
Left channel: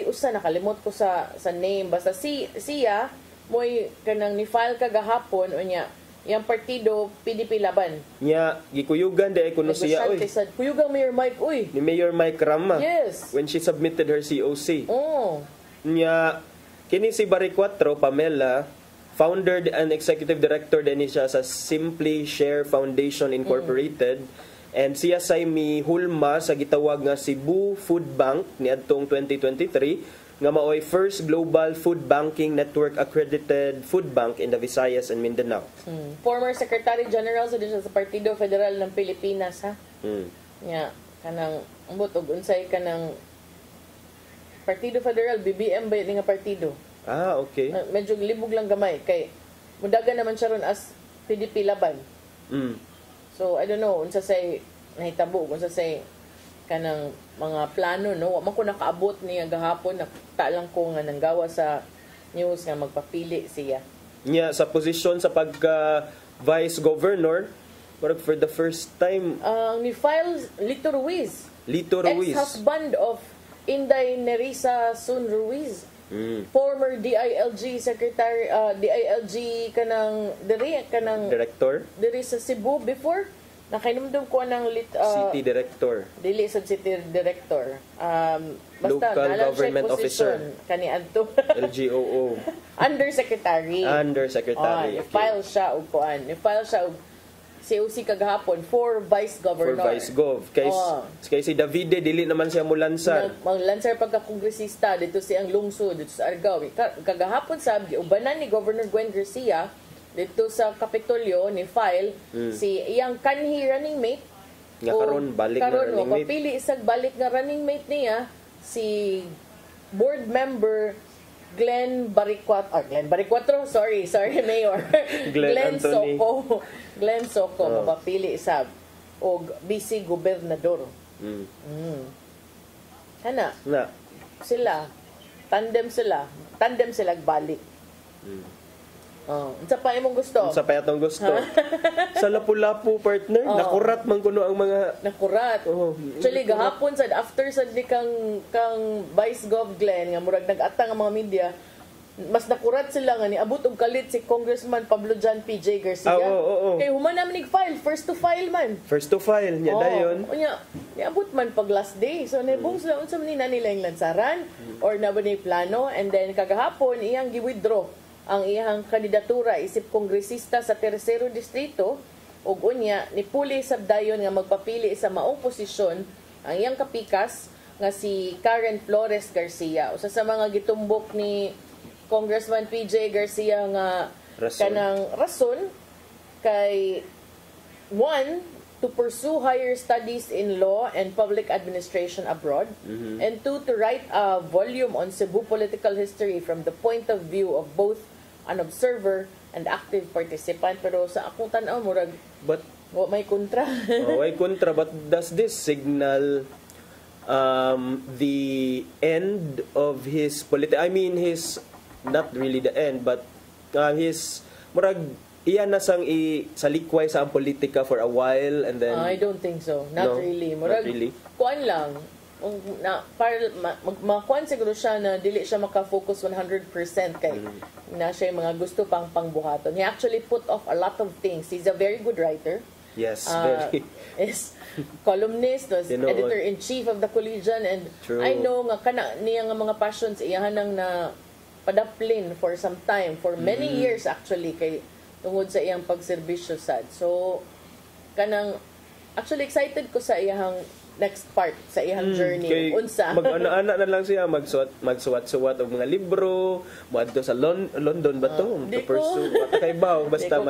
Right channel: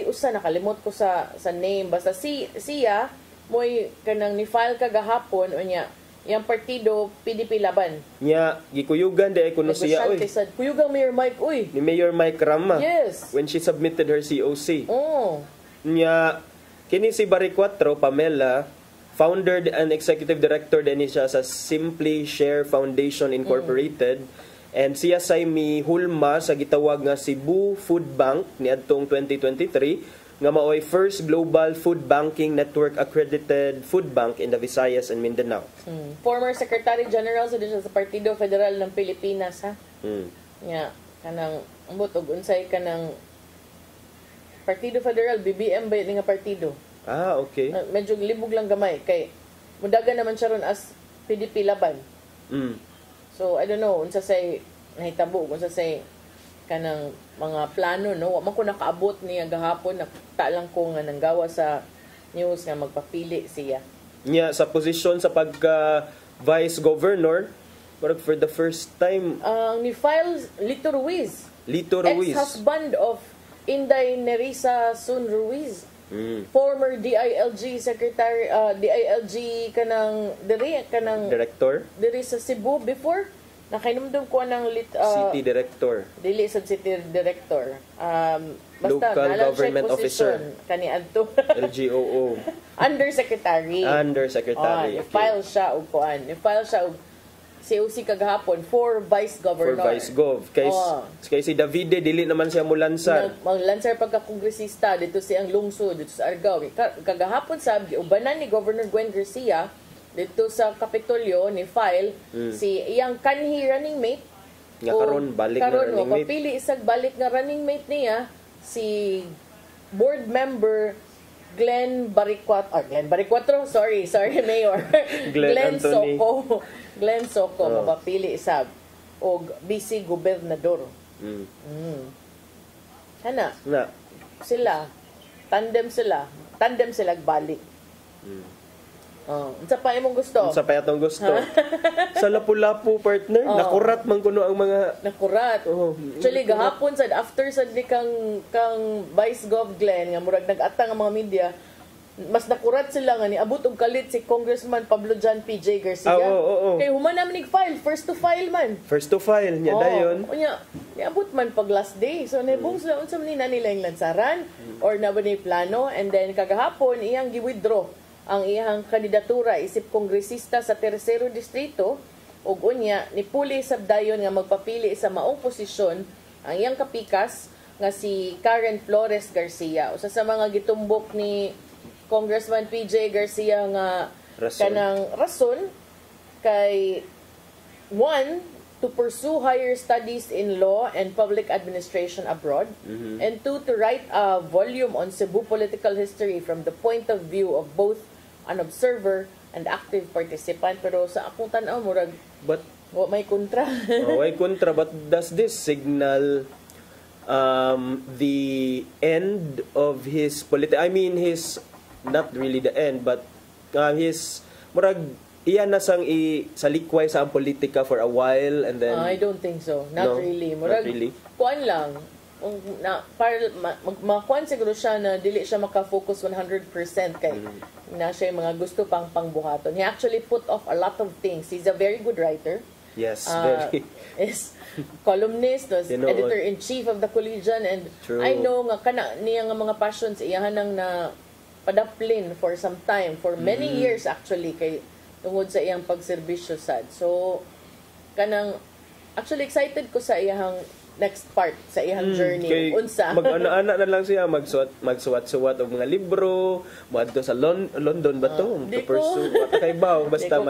usa nakalimot ko sa name basta siya moy kanang ni file kagahapon unya yang partido PDP Laban. Nya gikuyugan di kuno siya oy. Kuyugang Mayor Mike oy. Ni Mayor Mike Rama. Yes. When she submitted her COC. Nya kini si Baricuatro Pamela, founder and executive director din siya sa Simply Share Foundation Incorporated. And siya say mi hulma sa gitawag nga Cebu Food Bank niadtong 2023 nga maoy first global food banking network accredited food bank in the Visayas and Mindanao. Former Secretary General sa Partido Federal ng Pilipinas kanang og unsay kanang Partido Federal BBM ba nga partido? Okay. Medyo libog lang gamay kay mudagan naman siya ron as PDP Laban. So I don't know unsa say nahitabo kung sa say kanang mga plano, no? Wa man ko nakaabot niya gahapon, nakita lang ko nga nanggawa sa news nga magpapili siya. Niya sa posisyon sa pagka vice governor, parang for the first time Ni file Lito Ruiz. Lito Ruiz. Ex-husband of Inday Nerissa Sun Ruiz. Former DILG secretary, DILG kanang director diri sa Cebu before. Nakainumdum ko ng city director. Dili sa city director. Basta Local government officer. Kani adto. LGOO. Undersecretary. Undersecretary. Okay. File siya og kuan. File siya og COC kagahapon for vice governor. For vice gov. Kay si Davide dili naman siya mulansar. Maglansar pagka kongresista dito siyang lungsod dito sa Argao. Kagahapon sabi ubanan ni Governor Gwen Garcia dito sa Kapitolyo ni file si iyang kanhi running mate nga karon balik na running mate. Papili isag balik nga running mate niya si board member Glenn Baricuatro, sorry Mayor. Glenn Soko. Glenn Soko mapapili isag og BC gobernador. Kana sila tandem sila balik. Unsa pa imong gusto? Unsa pa atong gusto? Sa Lapu-Lapu partner, nakurat man kuno ang mga nakurat. Actually gahapon sad after sad ni kang Vice Gov Glenn nga murag nag-atang ang mga media, mas nakurat sila nga ni abot og kalit si Congressman Pablo John PJ Garcia. Kay human naman ig-file, first to file man. First to file nya dayon. Unya, niabot man pag last day. So nibong sila unsa man nila yung lansaran or na ba ni plano, and then kagahapon iyang gi-withdraw ang iyang kandidatura isip kongresista sa Tercero Distrito ug unya nipuli sabdayon nga magpapili sa maong posisyon ang iyang kapikas nga si Karen Flores Garcia. Usa sa mga gitumbok ni Congressman PJ Garcia nga kanang rason kay one, to pursue higher studies in law and public administration abroad, and two, to write a volume on Cebu political history from the point of view of both an observer and active participant. Pero sa akong tanaw murag may kontra. May kontra, but does this signal the end of his his not really the end, but his murag iyan na sang salikway sa ang politika for a while, and then I don't think so. Not really. Murag, not really. Kuan lang. Makuan siguro siya na dili siya makafocus 100% kay na siya yung mga gusto pang pangbuhaton. He actually put off a lot of things. He's a very good writer. Yes, very. Is columnist, was editor-in-chief of the Collegian, and True. I know nga kana niya nga mga passions iyahan nang na padaplin for some time, for many years actually, kay tungod sa iyang pagserbisyo sad. So kanang actually excited ko sa iyang next part sa iyang journey. Unsa? Mag-ana-ana na lang siya, magsuwat-suwat og mga libro, moadto sa London ba to? To pursue kaybaw basta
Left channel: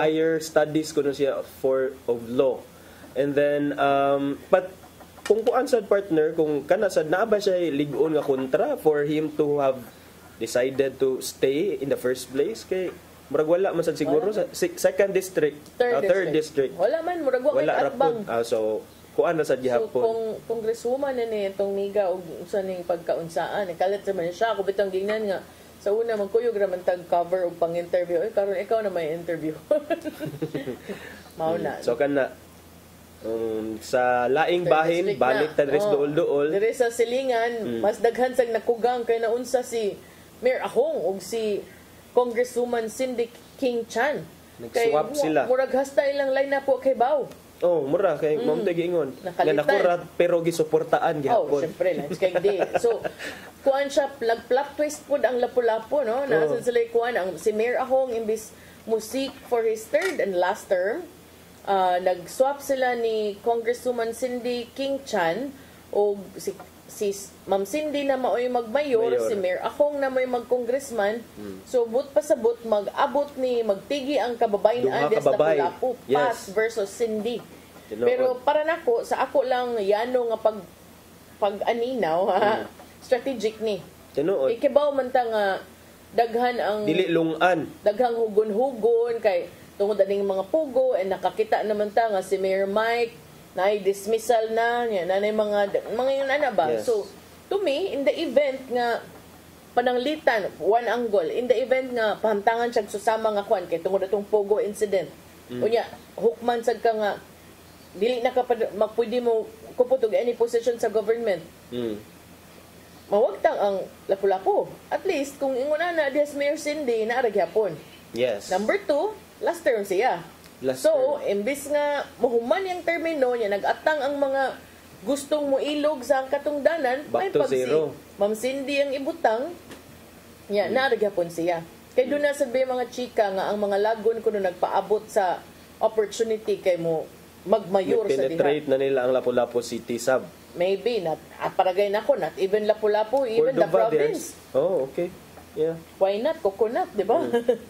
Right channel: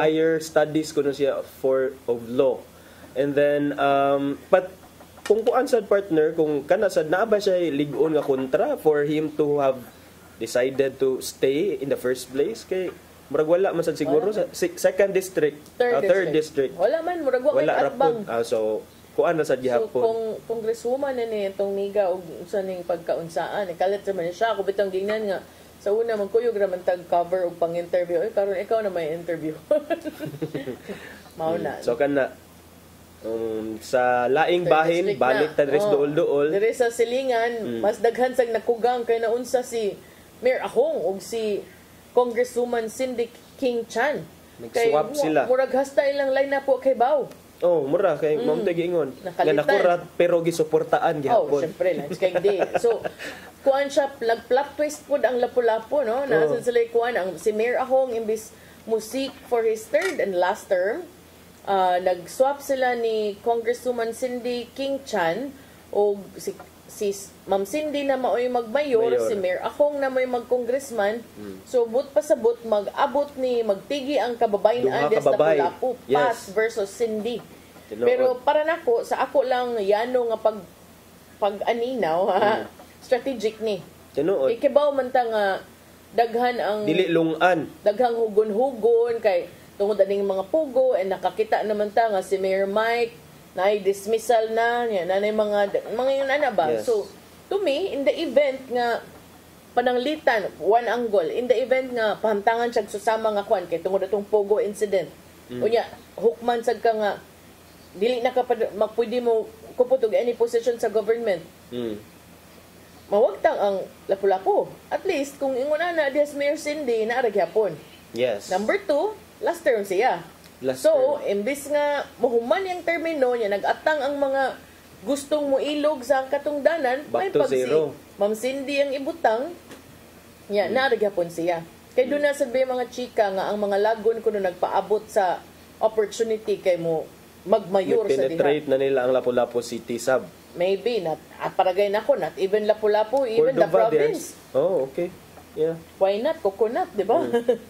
higher studies kuno siya of law. And then but kung kuan sad partner, kung kana sad naa ba siya lig-on nga kontra for him to have decided to stay in the first place, kay murag wala man sad siguro sa second district, third district. Wala man murag wala atbang. So kuan na sa gihapon. So kung congresswoman na ni itong niga og unsa ning pagkaunsaan, kalit man siya ako bitang gingnan nga sa una man kuyog ra man tag cover og pang-interview. Karon ikaw na may interview. Mauna. So kana sa laing bahin balik ta res duol-duol. Diri sa silingan mas daghan sang nakugang kay naunsa si Mayor Ahong ug si Congresswoman Cindy King Chan. Nag-swap sila. Murag hasta ilang line na po kay Bao. Mura kay Ma'am Tegingon. Nga nakurat pero gisuportaan gihapon. Syempre lang kay di. So kuan siya plot twist pud ang Lapu-Lapu, no? Nasa sila kuan ang si Mayor Ahong imbis musik for his third and last term. Nag-swap sila ni Congresswoman Cindy King Chan o si Ma'am Cindy na maoy magmayor, si Mayor Ahong na may mag-congressman. So but pasabot mag-abot ni magtigi ang kababayan des Lapu-Lapu, Paz versus Cindy. Pero para nako sa ako lang yano nga pag-aninaw strategic ni. Ikibaw man ta nga daghan ang dili lungan. Daghang hugon-hugon kay tungod aning mga pugo, and nakakita naman ta nga si Mayor Mike na dismissal na niya na mga yun ba. Yes. So to me, in the event nga pananglitan, one angle, in the event nga pahamtangan siya susama nga kwan kay tungod atong Pogo incident. Unya, hukman sad ka nga dili na ka pwede mo kuputog any position sa government. Mawagtang ang Lapu-Lapu. At least kung ingon na Diaz Mayor Cindy na aragyapon. Yes. Number 2, last term siya. So, imbis nga mahuman yung termino niya, nag-atang ang mga gustong muilog sa katungdanan, Back to zero. Ma'am Cindy ang ibutang, naaragyapon siya. Kaya doon na sabi mga chika nga ang mga lagon kuno nagpaabot sa opportunity kay mo magmayor sa diha. Penetrate na nila ang Lapu-Lapu City sub. Maybe, paragay na ko, not even Lapu-Lapu, even the province. Oh, okay. Yeah. Why not? Coconut, di ba?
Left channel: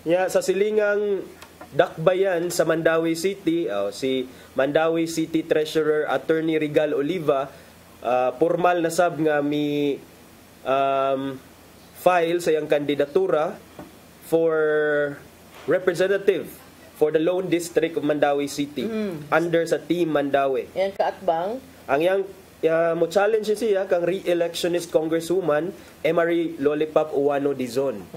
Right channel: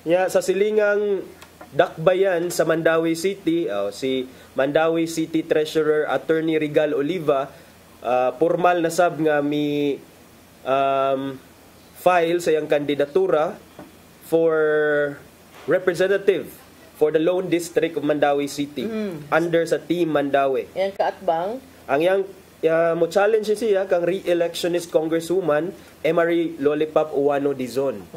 Yeah, sa silingang dakbayan sa Mandawi City, si Mandawi City Treasurer Attorney Regal Oliva, formal na sab nga mi file sa iyang kandidatura for representative for the Lone District of Mandawi City under sa Team Mandawi. Yan kaatbang. Ang yang mo challenge siya kang re-electionist Congresswoman Emery Lollipop Uwano Dizon.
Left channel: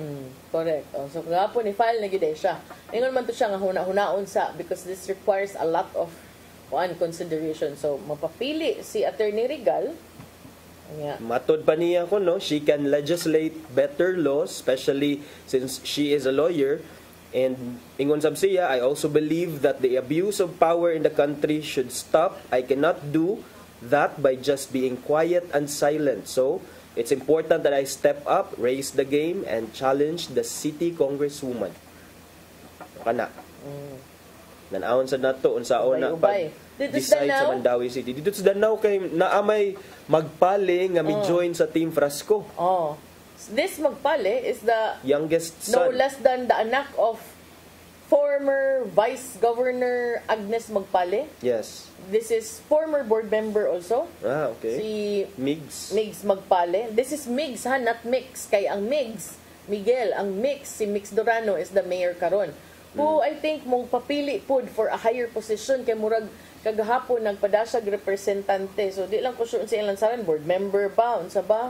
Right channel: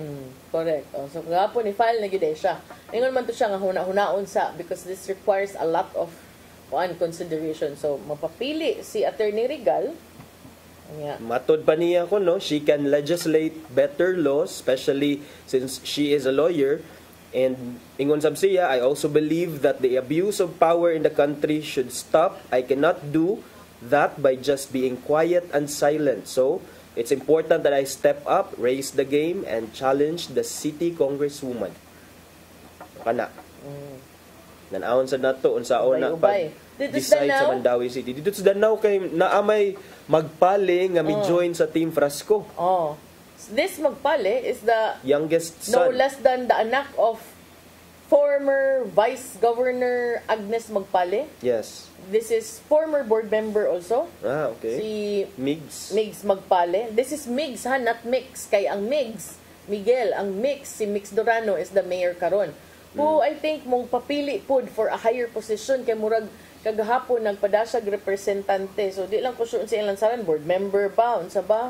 Correct. So gapo ni file na gid siya. Ingon man to siya nga huna-hunaon sa because this requires a lot of consideration. So mapapili si Attorney Regal. Matod pa niya ko she can legislate better laws, especially since she is a lawyer. And ingon sab siya, I also believe that the abuse of power in the country should stop. I cannot do that by just being quiet and silent. So it's important that I step up, raise the game, and challenge the city congresswoman. Kana. Nanawon sa nato unsaon na pag-decide sa Mandawi City. Dito sa Danau kay naamay magpale nga mi-join sa Team Frasco. This magpale is the youngest no son. less than the anak of former Vice Governor Agnes Magpale. Yes. This is former board member also. Okay. Si Migs Magpale. This is Migs not Mix. Kay ang Migs, Miguel, ang Mix, si Mix Durano is the mayor karon. Who I think mong papili pud for a higher position kay murag kagahapon nagpadasag representante. So di lang ko sure sa ilang saran board member ba unsa ba?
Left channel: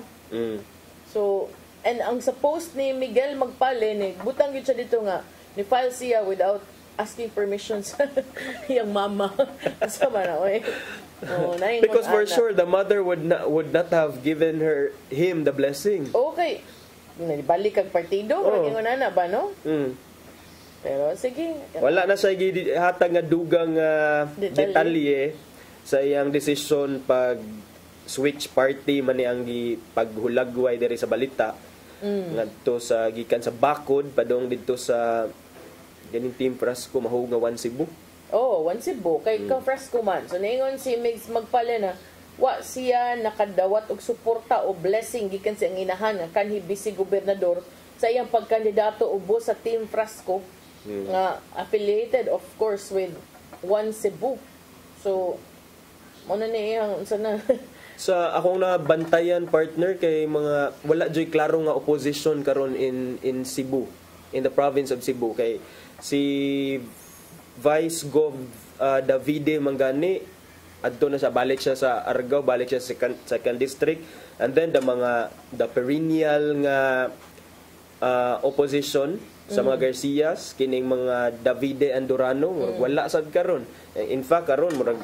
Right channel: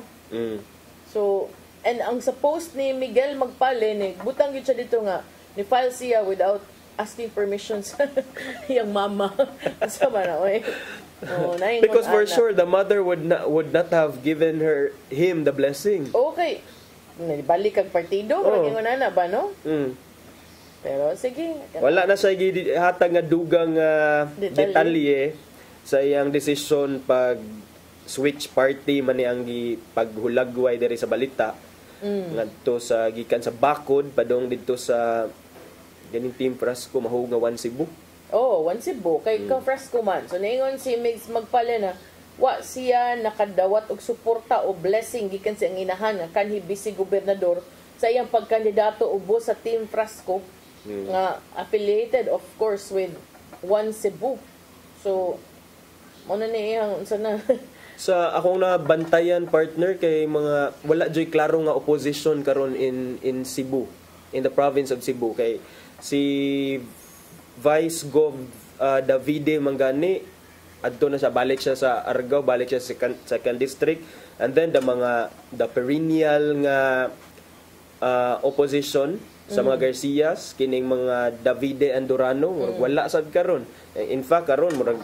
So and ang sa post ni Miguel Magpale ni butang gyud siya dito nga ni file siya without asking permission sa iyang mama. Sa ba na oy. Because for sure the mother would not have given him the blessing. Okay. Balik kag partido, ingon na ba no? Pero sige. Wala na siya hatag nga dugang detalye sa iyang desisyon pag switch party man ang paghulagway diri sa balita. Ngadto sa gikan sa Bakod padong didto sa ganing Team Frasco mahug nga 1 Cebu. One Cebu kay ka Frasco man. So ningon si Migs Magpale na wa siya nakadawat og suporta o blessing gikan sa inahan nga kanhi vice gobernador sa iyang pagkandidato ubos sa Team Frasco nga affiliated of course with 1 Cebu. So mo na ni iyang sana sa akong nabantayan partner kay mga wala joy klaro nga opposition karon in Cebu, in the province of Cebu kay si Vice Gov Davide Mangani adto na siya, balik siya sa Argao, balik siya sa second district, and then the perennial nga opposition sa mga Garcias kining mga Davide Andorano wala sad karon. In fact karon murag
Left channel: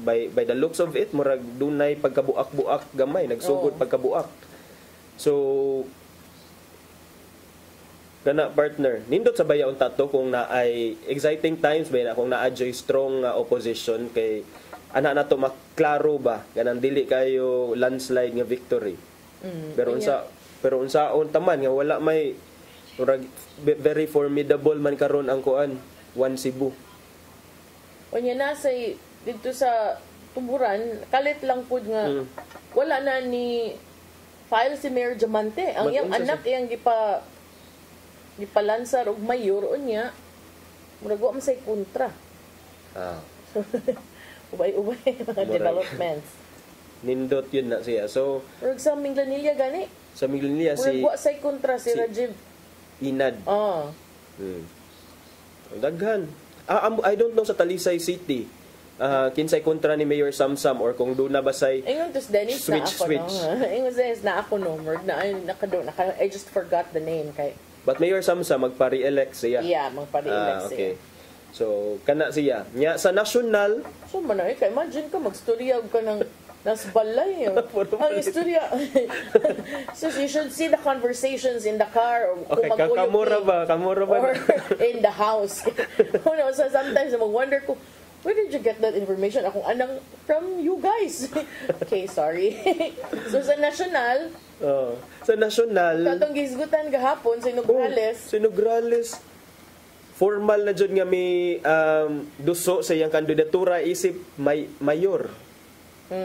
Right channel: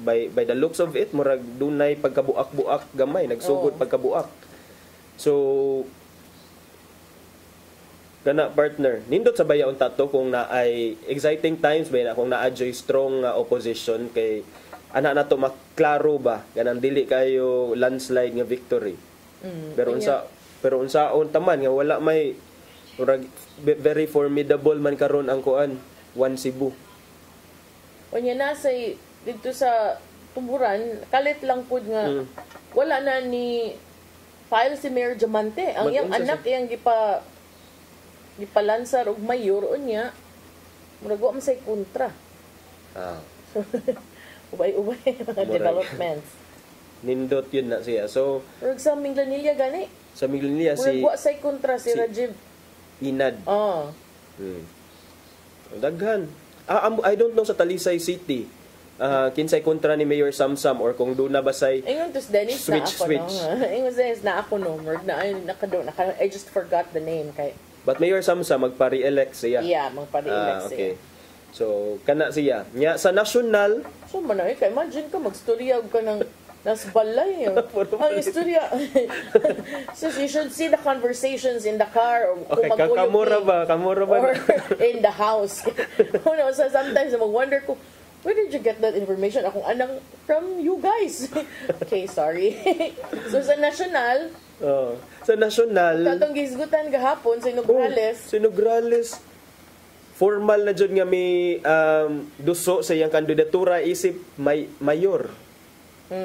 by the looks of it murag dunay pagkabuak-buak gamay, nagsugod pagkabuak. So kana partner nindot sa bayaon tato kung naay exciting times ba na kung naa-joy strong opposition kay ana nato maklaro ba ganang dili kayo landslide nga victory. Pero unsaon taman nga wala may murag very formidable man karon ang kuan 1 Cebu. Unya na say dito sa Tuburan kalit lang pud nga wala na ni file si Mayor Diamante ang iyang anak iyang gipalansar og mayor unya murag wa man say kontra. Ubay-ubay mga developments. Nindot yun na siya. So sa Minglanilla gani. Sa Minglanilla si wa say kontra si Rajiv Inad. Daghan. I don't know sa Talisay City. kinsay kontra ni Mayor Samsam or kung doon na basay Ingon to Dennis na ako switch. no. Ingon Dennis na ako no. I just forgot the name kay. But Mayor Samsam magpa-re-elect siya. Yeah, magpa-re-elect siya. Okay. So kana siya. Nya sa national, So man kay imagine ka magstorya ka ng nas balay. Ang istorya. So you should see the conversations in the car or okay, kamura ba? Or in the house. So sometimes I wonder ko, where did you get that information? Akong anang from you guys. Okay, sorry. So sa national, sa national, katong gisgutan gahapon sa Nograles. Si Nograles, formal na jud nga may duso sa iyang kandidatura isip mayor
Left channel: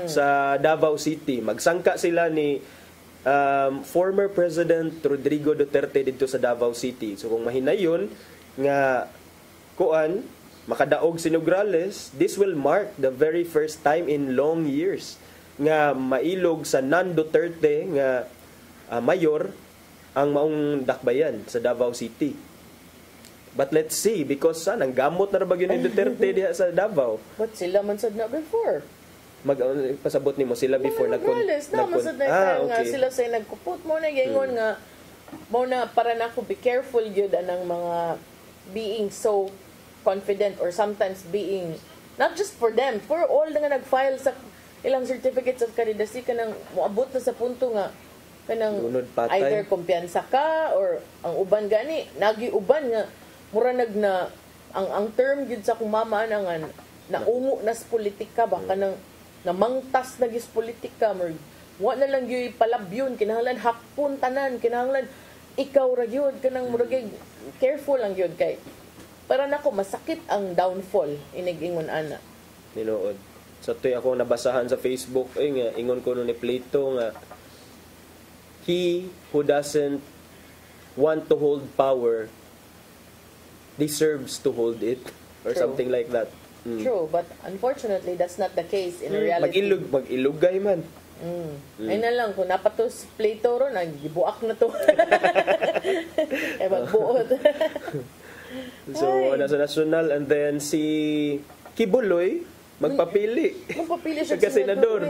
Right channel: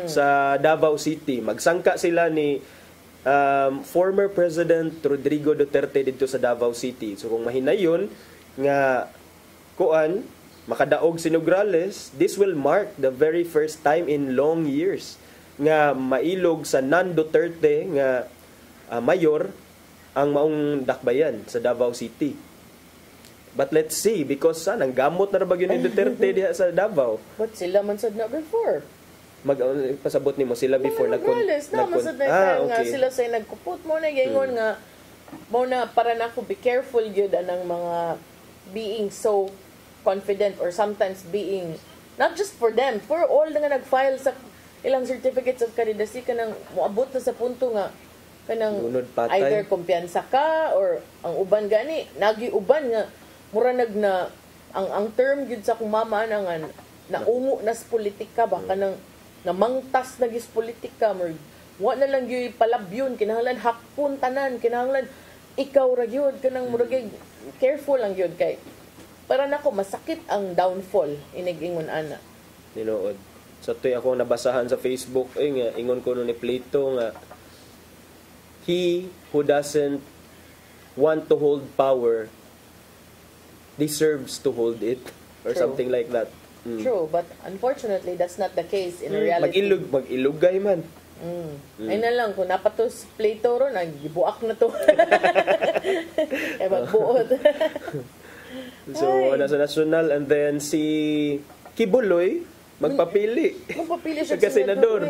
sa Davao City. Magsangka sila ni former President Rodrigo Duterte dito sa Davao City. So kung mahinayon nga kuan makadaog si Nograles, this will mark the very first time in long years nga mailog sa non-Duterte nga mayor ang maong dakbayan sa Davao City. But let's see, because nang gamot na rabag yun ni Duterte diha sa Davao. But sila man sad na before. Pasabot nimo sila before Nograles na man sad na nga sila say nagkupot mo na gingon nga mo na para na ko be careful gyud anang mga being so confident or sometimes being not just for them, for all nga nag-file sa ilang certificates of candidacy kanang moabot na sa punto nga kanang either kumpiyansa ka or ang uban gani nagiuban nga mura na ang term gyud sa akong mama nga naungo na sa politika ba kanang namangtas na gis politika mo wa na lang gyud palabyon kinahanglan hakpon tanan kinahanglan ikaw ra gyud kanang mura careful lang gyud kay para nako masakit ang downfall inig-ingon ana. Nilood. So toy ako nabasahan sa Facebook nga ingon ko ni Plato nga he who doesn't want to hold power deserves to hold it or something like that. True, but unfortunately that's not the case in reality. Mag-ilugay man. Ay na lang kung napatos Plato ro nagibuak na to. Magbuot. So, sa national and then si Kibuloy magpapili. Magpapili siya sa senador.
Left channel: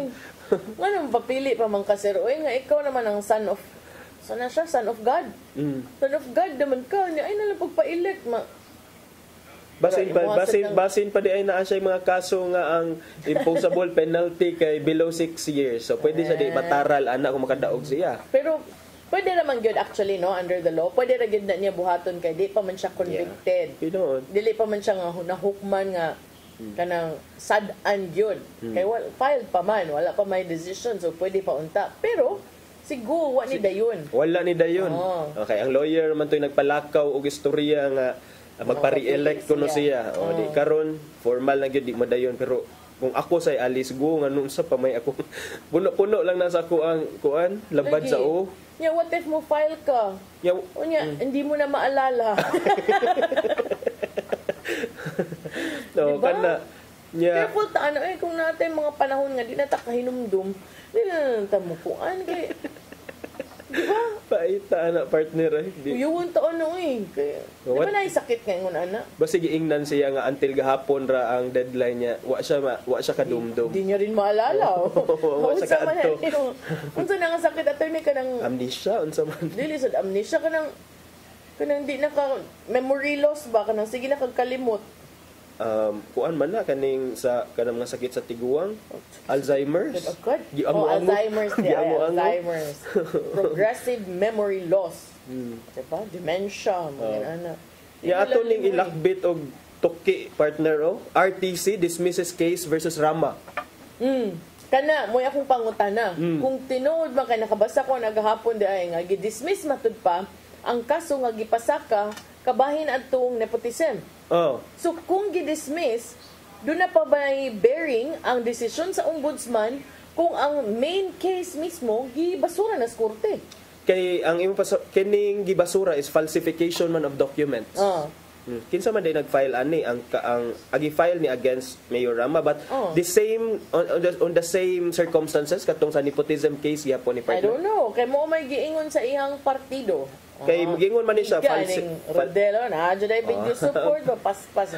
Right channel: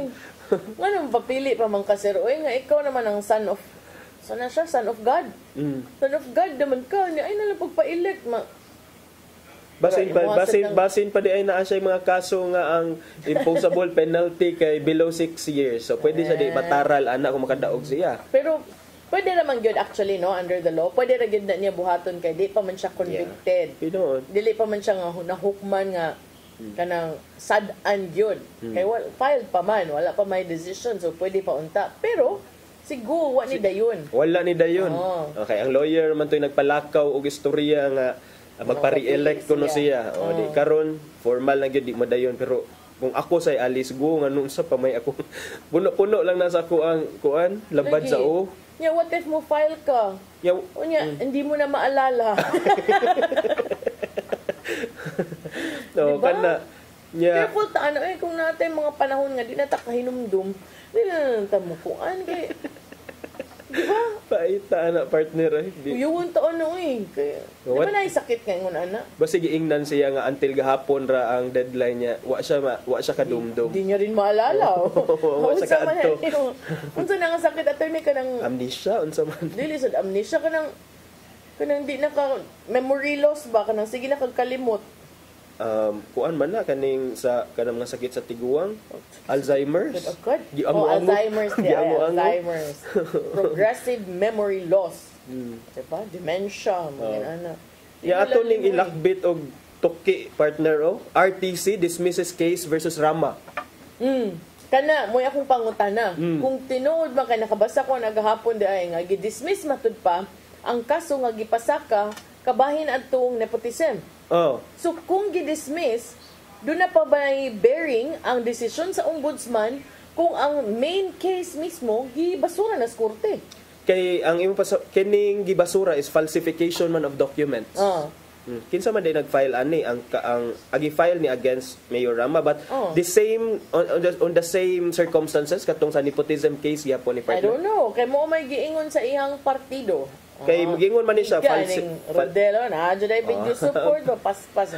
Ano magpapili pa man kasi nga ikaw naman ang son of son of God. Son of God naman ka. Ay na lang pagpa-elect. Basin pa di ay naa siya mga kaso nga ang imposable penalty kay below 6 years. So, pwede siya di mataral anak kung makadaog siya. Pero pwede naman yun actually no under the law. Pwede ra gyud na niya buhaton kay di pa man siya convicted. Dili pa man siya nga nahukman nga kanang sad-an yun. Kay filed pa man, wala pa may decision so pwede pa unta. Pero siguro wa ni dayon. Wala ni dayon. Okay, ang lawyer man to'y nagpalakaw og istorya nga magpa-re-elect kuno siya. O di karon formal na gyud di madayon pero kung ako say alis go nga nung sa pamay ako puno-puno lang na sa ako ang kuan labad sa o. Yeah, what if mo file ka? Hindi mo na maalala. No, diba? kana careful ta kung natin mga panahon nga di na ta kahinumdum. Di na tamukuan kay diba? Paita na partner Uyuon ta kay diba na sakit nga ngon ana? Basi giingnan siya nga until gahapon ra ang deadline niya. Wa siya kadumdum. Di niya rin maalala. Wa sa kadto. Unsa na nga sakit attorney kanang amnesia unsa man. Dili sad amnesia kanang di na ka memory loss ba kanang sige na kag kalimot. Kuan man na kaning sa kanang mga sakit sa tiguang, Alzheimer's. Alzheimer's. Progressive memory loss. Diba? Dementia, mga ana. Ato ning ilakbit og tuki partner RTC dismisses case versus Rama. Kana mo akong pangutana. Kung tinuod man kay nakabasa ko nagahapon di ay nga gi-dismiss matud pa ang kaso nga gipasaka kabahin adtong nepotism. So kung gi-dismiss, doon na pa may bearing ang desisyon sa ombudsman kung ang main case mismo gibasura na sa korte. Kay ang kining gibasura is falsification man of documents. Kinsa man day nag-file ani ang agi-file ni against Mayor Rama but the same on the same circumstances katong sa nepotism case yapon ni partner. I don't know kay mo may giingon sa iyang partido Kay mugingon man ni siya Galing Rodelo na adyo dai big support ba paspas.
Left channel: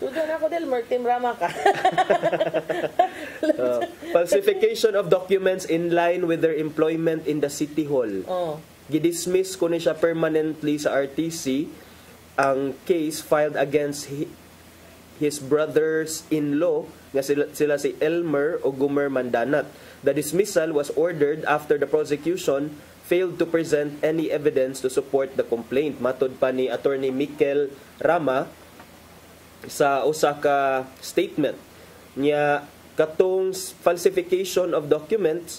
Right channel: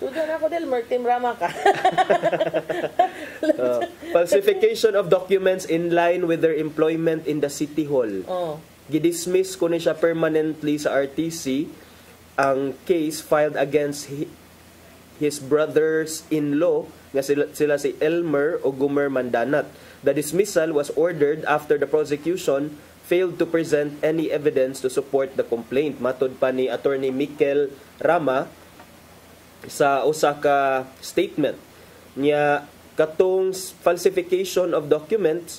Tudo na ako del Team Rama ka. Falsification of documents in line with their employment in the City Hall. Gidismiss ko ni siya permanently sa RTC ang case filed against his brothers-in-law nga sila si Elmer o Gumer Mandanat. The dismissal was ordered after the prosecution failed to present any evidence to support the complaint. Matod pa ni Attorney Mikel Rama sa usa ka statement niya katong falsification of documents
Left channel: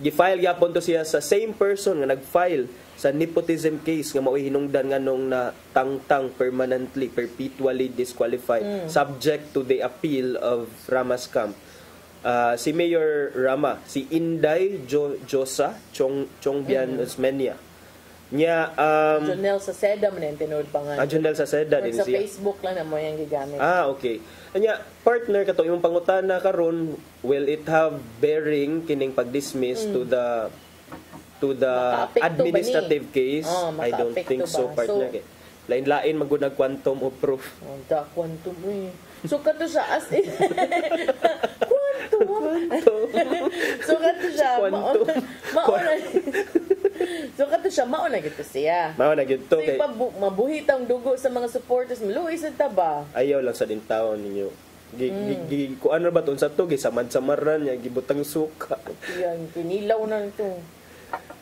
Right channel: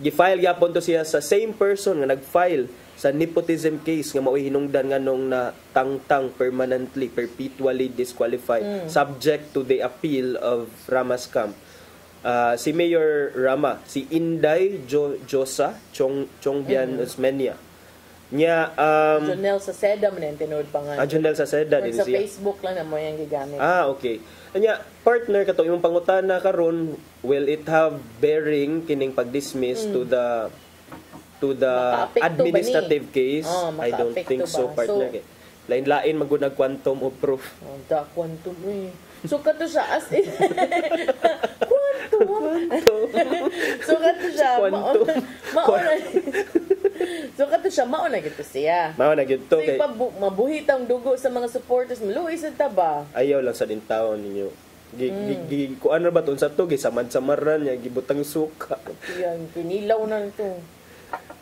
gifile gyapon to siya sa same person nga nagfile sa nepotism case nga mao'y hinungdan nganong na tangtang permanently perpetually disqualified subject to the appeal of Rama's camp. Si Mayor Rama, si Inday Josa Chongbian Osmeña. Nya Jonel Saceda man yung tinood pa nga. Jonel Saceda din sa siya. Facebook lang na mo yung gigamit. Okay. Nya partner kato imong pangutana karon, will it have bearing kining pag-dismiss to the administrative case? I don't think so, partner. So, lain-lain magud quantum of proof. Da quantum So kato siya as in So kato siya mauna gito siya. Mauna gito kay mabuhit ang dugo sa mga supporters ni Luis ta ba? Ayaw lang sa dintaon ninyo. Kung ano ba to sa to gisamad-samaran niya gibutang suka. Yan kinilaw na ito.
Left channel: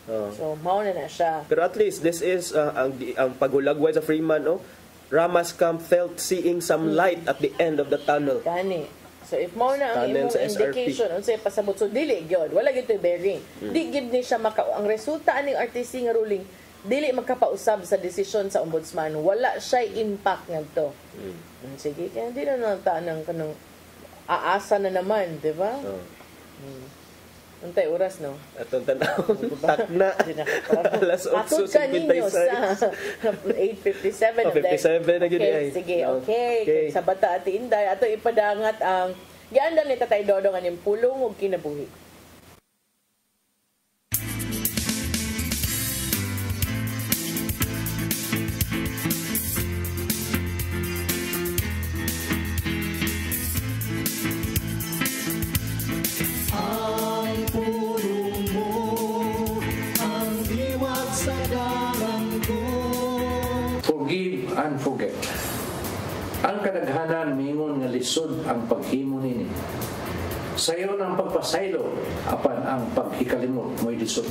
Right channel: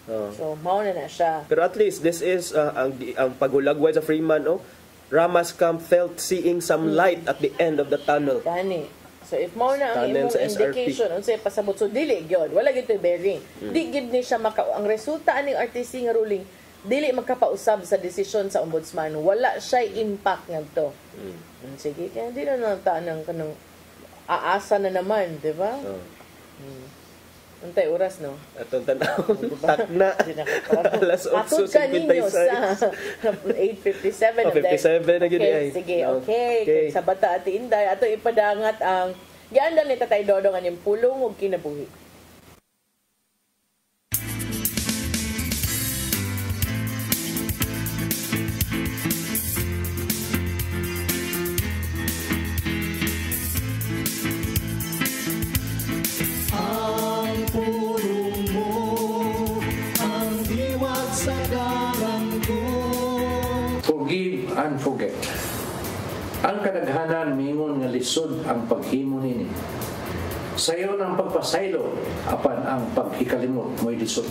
So mauna na siya. Pero at least this is ang pagulagway sa Freeman Rama's camp felt seeing some light at the end of the tunnel. Gani. So if mao na ang imong indication unsay pasabot so dili gyud wala gyud bearing. Di gyud ni siya ang resulta aning RTC nga ruling dili magkapausab sa desisyon sa ombudsman. Wala siya impact ngadto. Sige, kaya di na tanang kanang aasa na naman, di ba? Untay oras, no? Atong tanaw. Takna. Alas 8:56. Patod ka ninyo sa 8:57. 57 na gini ay. Sige, okay. Sa bata at Inday, ato ipadangat ang giandal ni Tatay Dodong aning pulong ug kinabuhi. Forget. Ang kadaghanan mingon nga lisod ang paghimo nini. Sayo ng pagpasaylo apan ang paghikalimot mo'y lisod.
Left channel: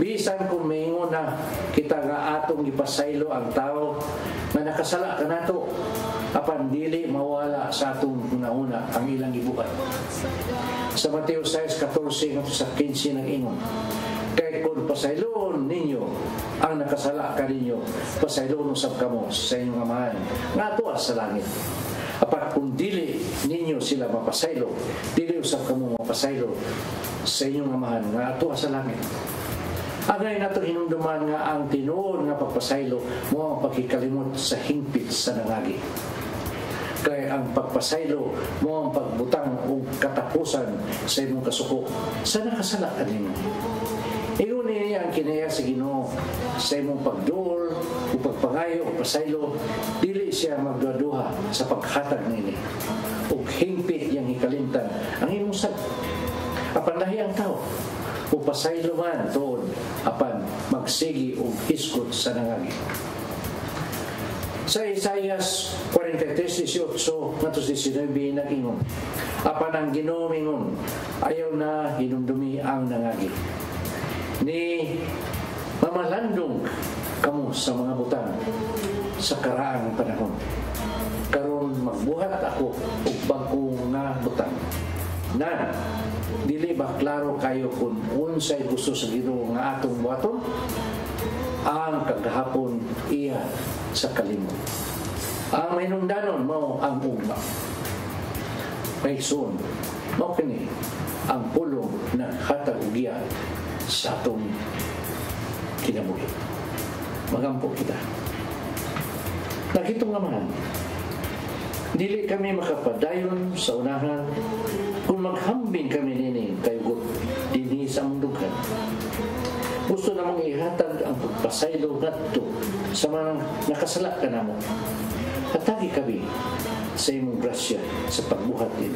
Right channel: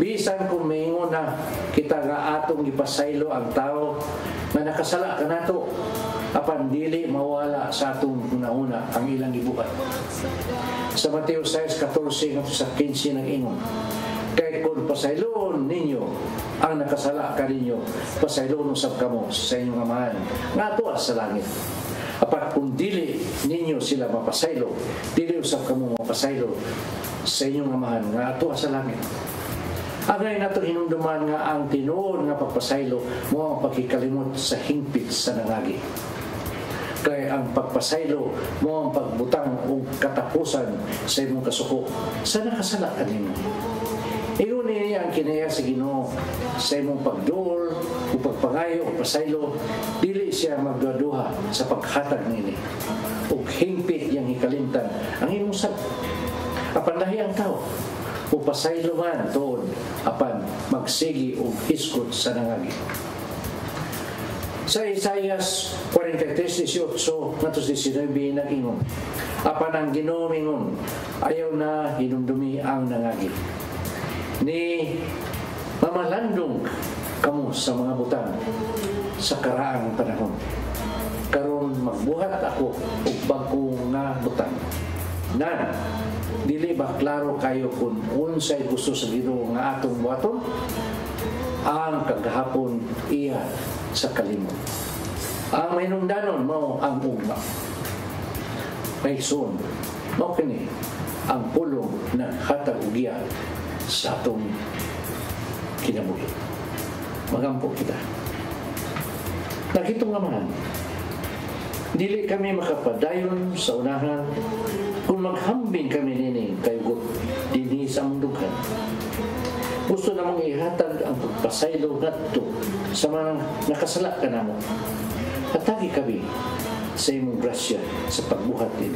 Bisan kung mingon na kita nga atong ipasaylo ang tao nga nakasala kanato apan dili mawala sa atong una-una ang ilang gibuhat. Sa Mateo 6:14 sa 15 ng ingon. Kay kung pasayloon ninyo ang nakasala kaninyo, pasayloon usab kamo sa inyong amahan nga atuwa sa langit. Apat kung dili ninyo sila mapasaylo, dili usab kamo mapasaylo sa inyong amahan nga atuwa sa langit. Agay nato hinumduman nga ang tinuod nga pagpasaylo mo ang pagkikalimot sa hingpit sa nangagi. Kaya ang pagpasaylo mo ang pagbutang o katapusan sa imong kasuko sa nakasala kanino. Ingon niya ang kinaya sa Ginoo sa imong pagduol o pagpangayo o pasaylo, dili siya magduha sa paghatag nini. O hingpit yang hikalimtan ang imong sab. Apan lahi ang tao o pasaylo man doon apan magsigi o hiskot sa nangagi. Sa Isaias 43:18-19 nag-ingon, apan ang Ginoo mingon, ayaw na hinumdumi ang nangagi. Ni mamalandong kamo sa mga butang sa karaang panahon. Karon magbuhat ako og bago nga butang. Na dili ba klaro kayo kung unsay gusto sa Ginoo nga atong buhaton? Ang kagahapon iya sa kalimot. Ang mainungdanon mo ang ugma. Kayson, mo kini ang pulong na hatag ugiya sa atong kinabuhi. Magampo kita. Nakitong naman, dili kami makapadayon sa unahan kung maghambing kami nining kayugot dinhi sa mundughan. Gusto namang ihatag ang pagpasaylo ngadto sa mga nakasala ka namo. Hatagi kami sa imong grasya sa pagbuhat din.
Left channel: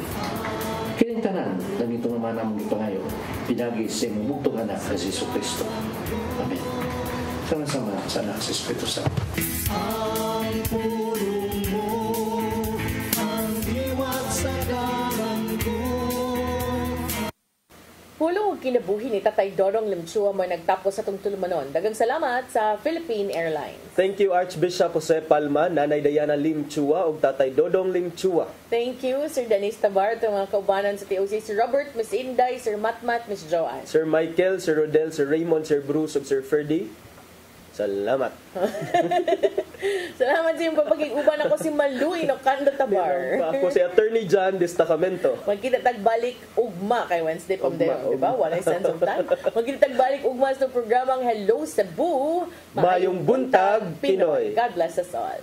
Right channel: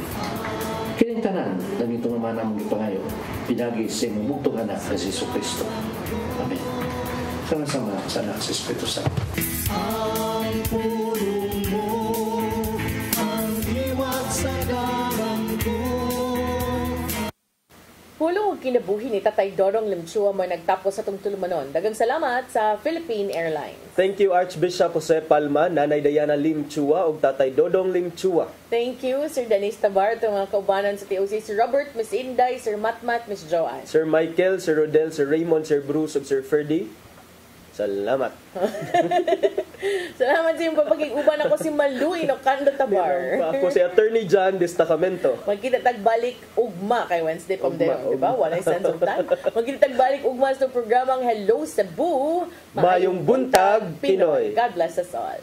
Kining tanan lang ito naman ang ipangayo, pinagi sa imong bugtong anak na si Jesu Cristo. Amen. Sama-sama sa anak sa Espiritu Santo. Ang pulong mo, ang iwat sa dalan ko. Pulong kinabuhi ni Tatay Dodong Limchua mo nagtapos sa itong tulumanon. Dagang salamat sa Philippine Airlines. Thank you Archbishop Jose Palma, Nanay Diana Limchua ug Tatay Dodong Limchua. Thank you, Sir Dennis Tabar, itong mga kaubanan sa TOC, Sir Robert, Miss Inday, Sir Matmat, Miss Joanne. Sir Michael, Sir Rodel, Sir Raymond, Sir Bruce ug Sir Ferdy. Salamat. Salamat sa iyong papag-iguban ako si Maluy no Kando Tabar. Ako si Attorney John Destacamento. Magkita tagbalik ugma kay Wednesday from there, di ba? Walay sense of time. Magkita tagbalik ugma sa programang Hello Cebu. Mayong buntag, Pinoy. God bless us all.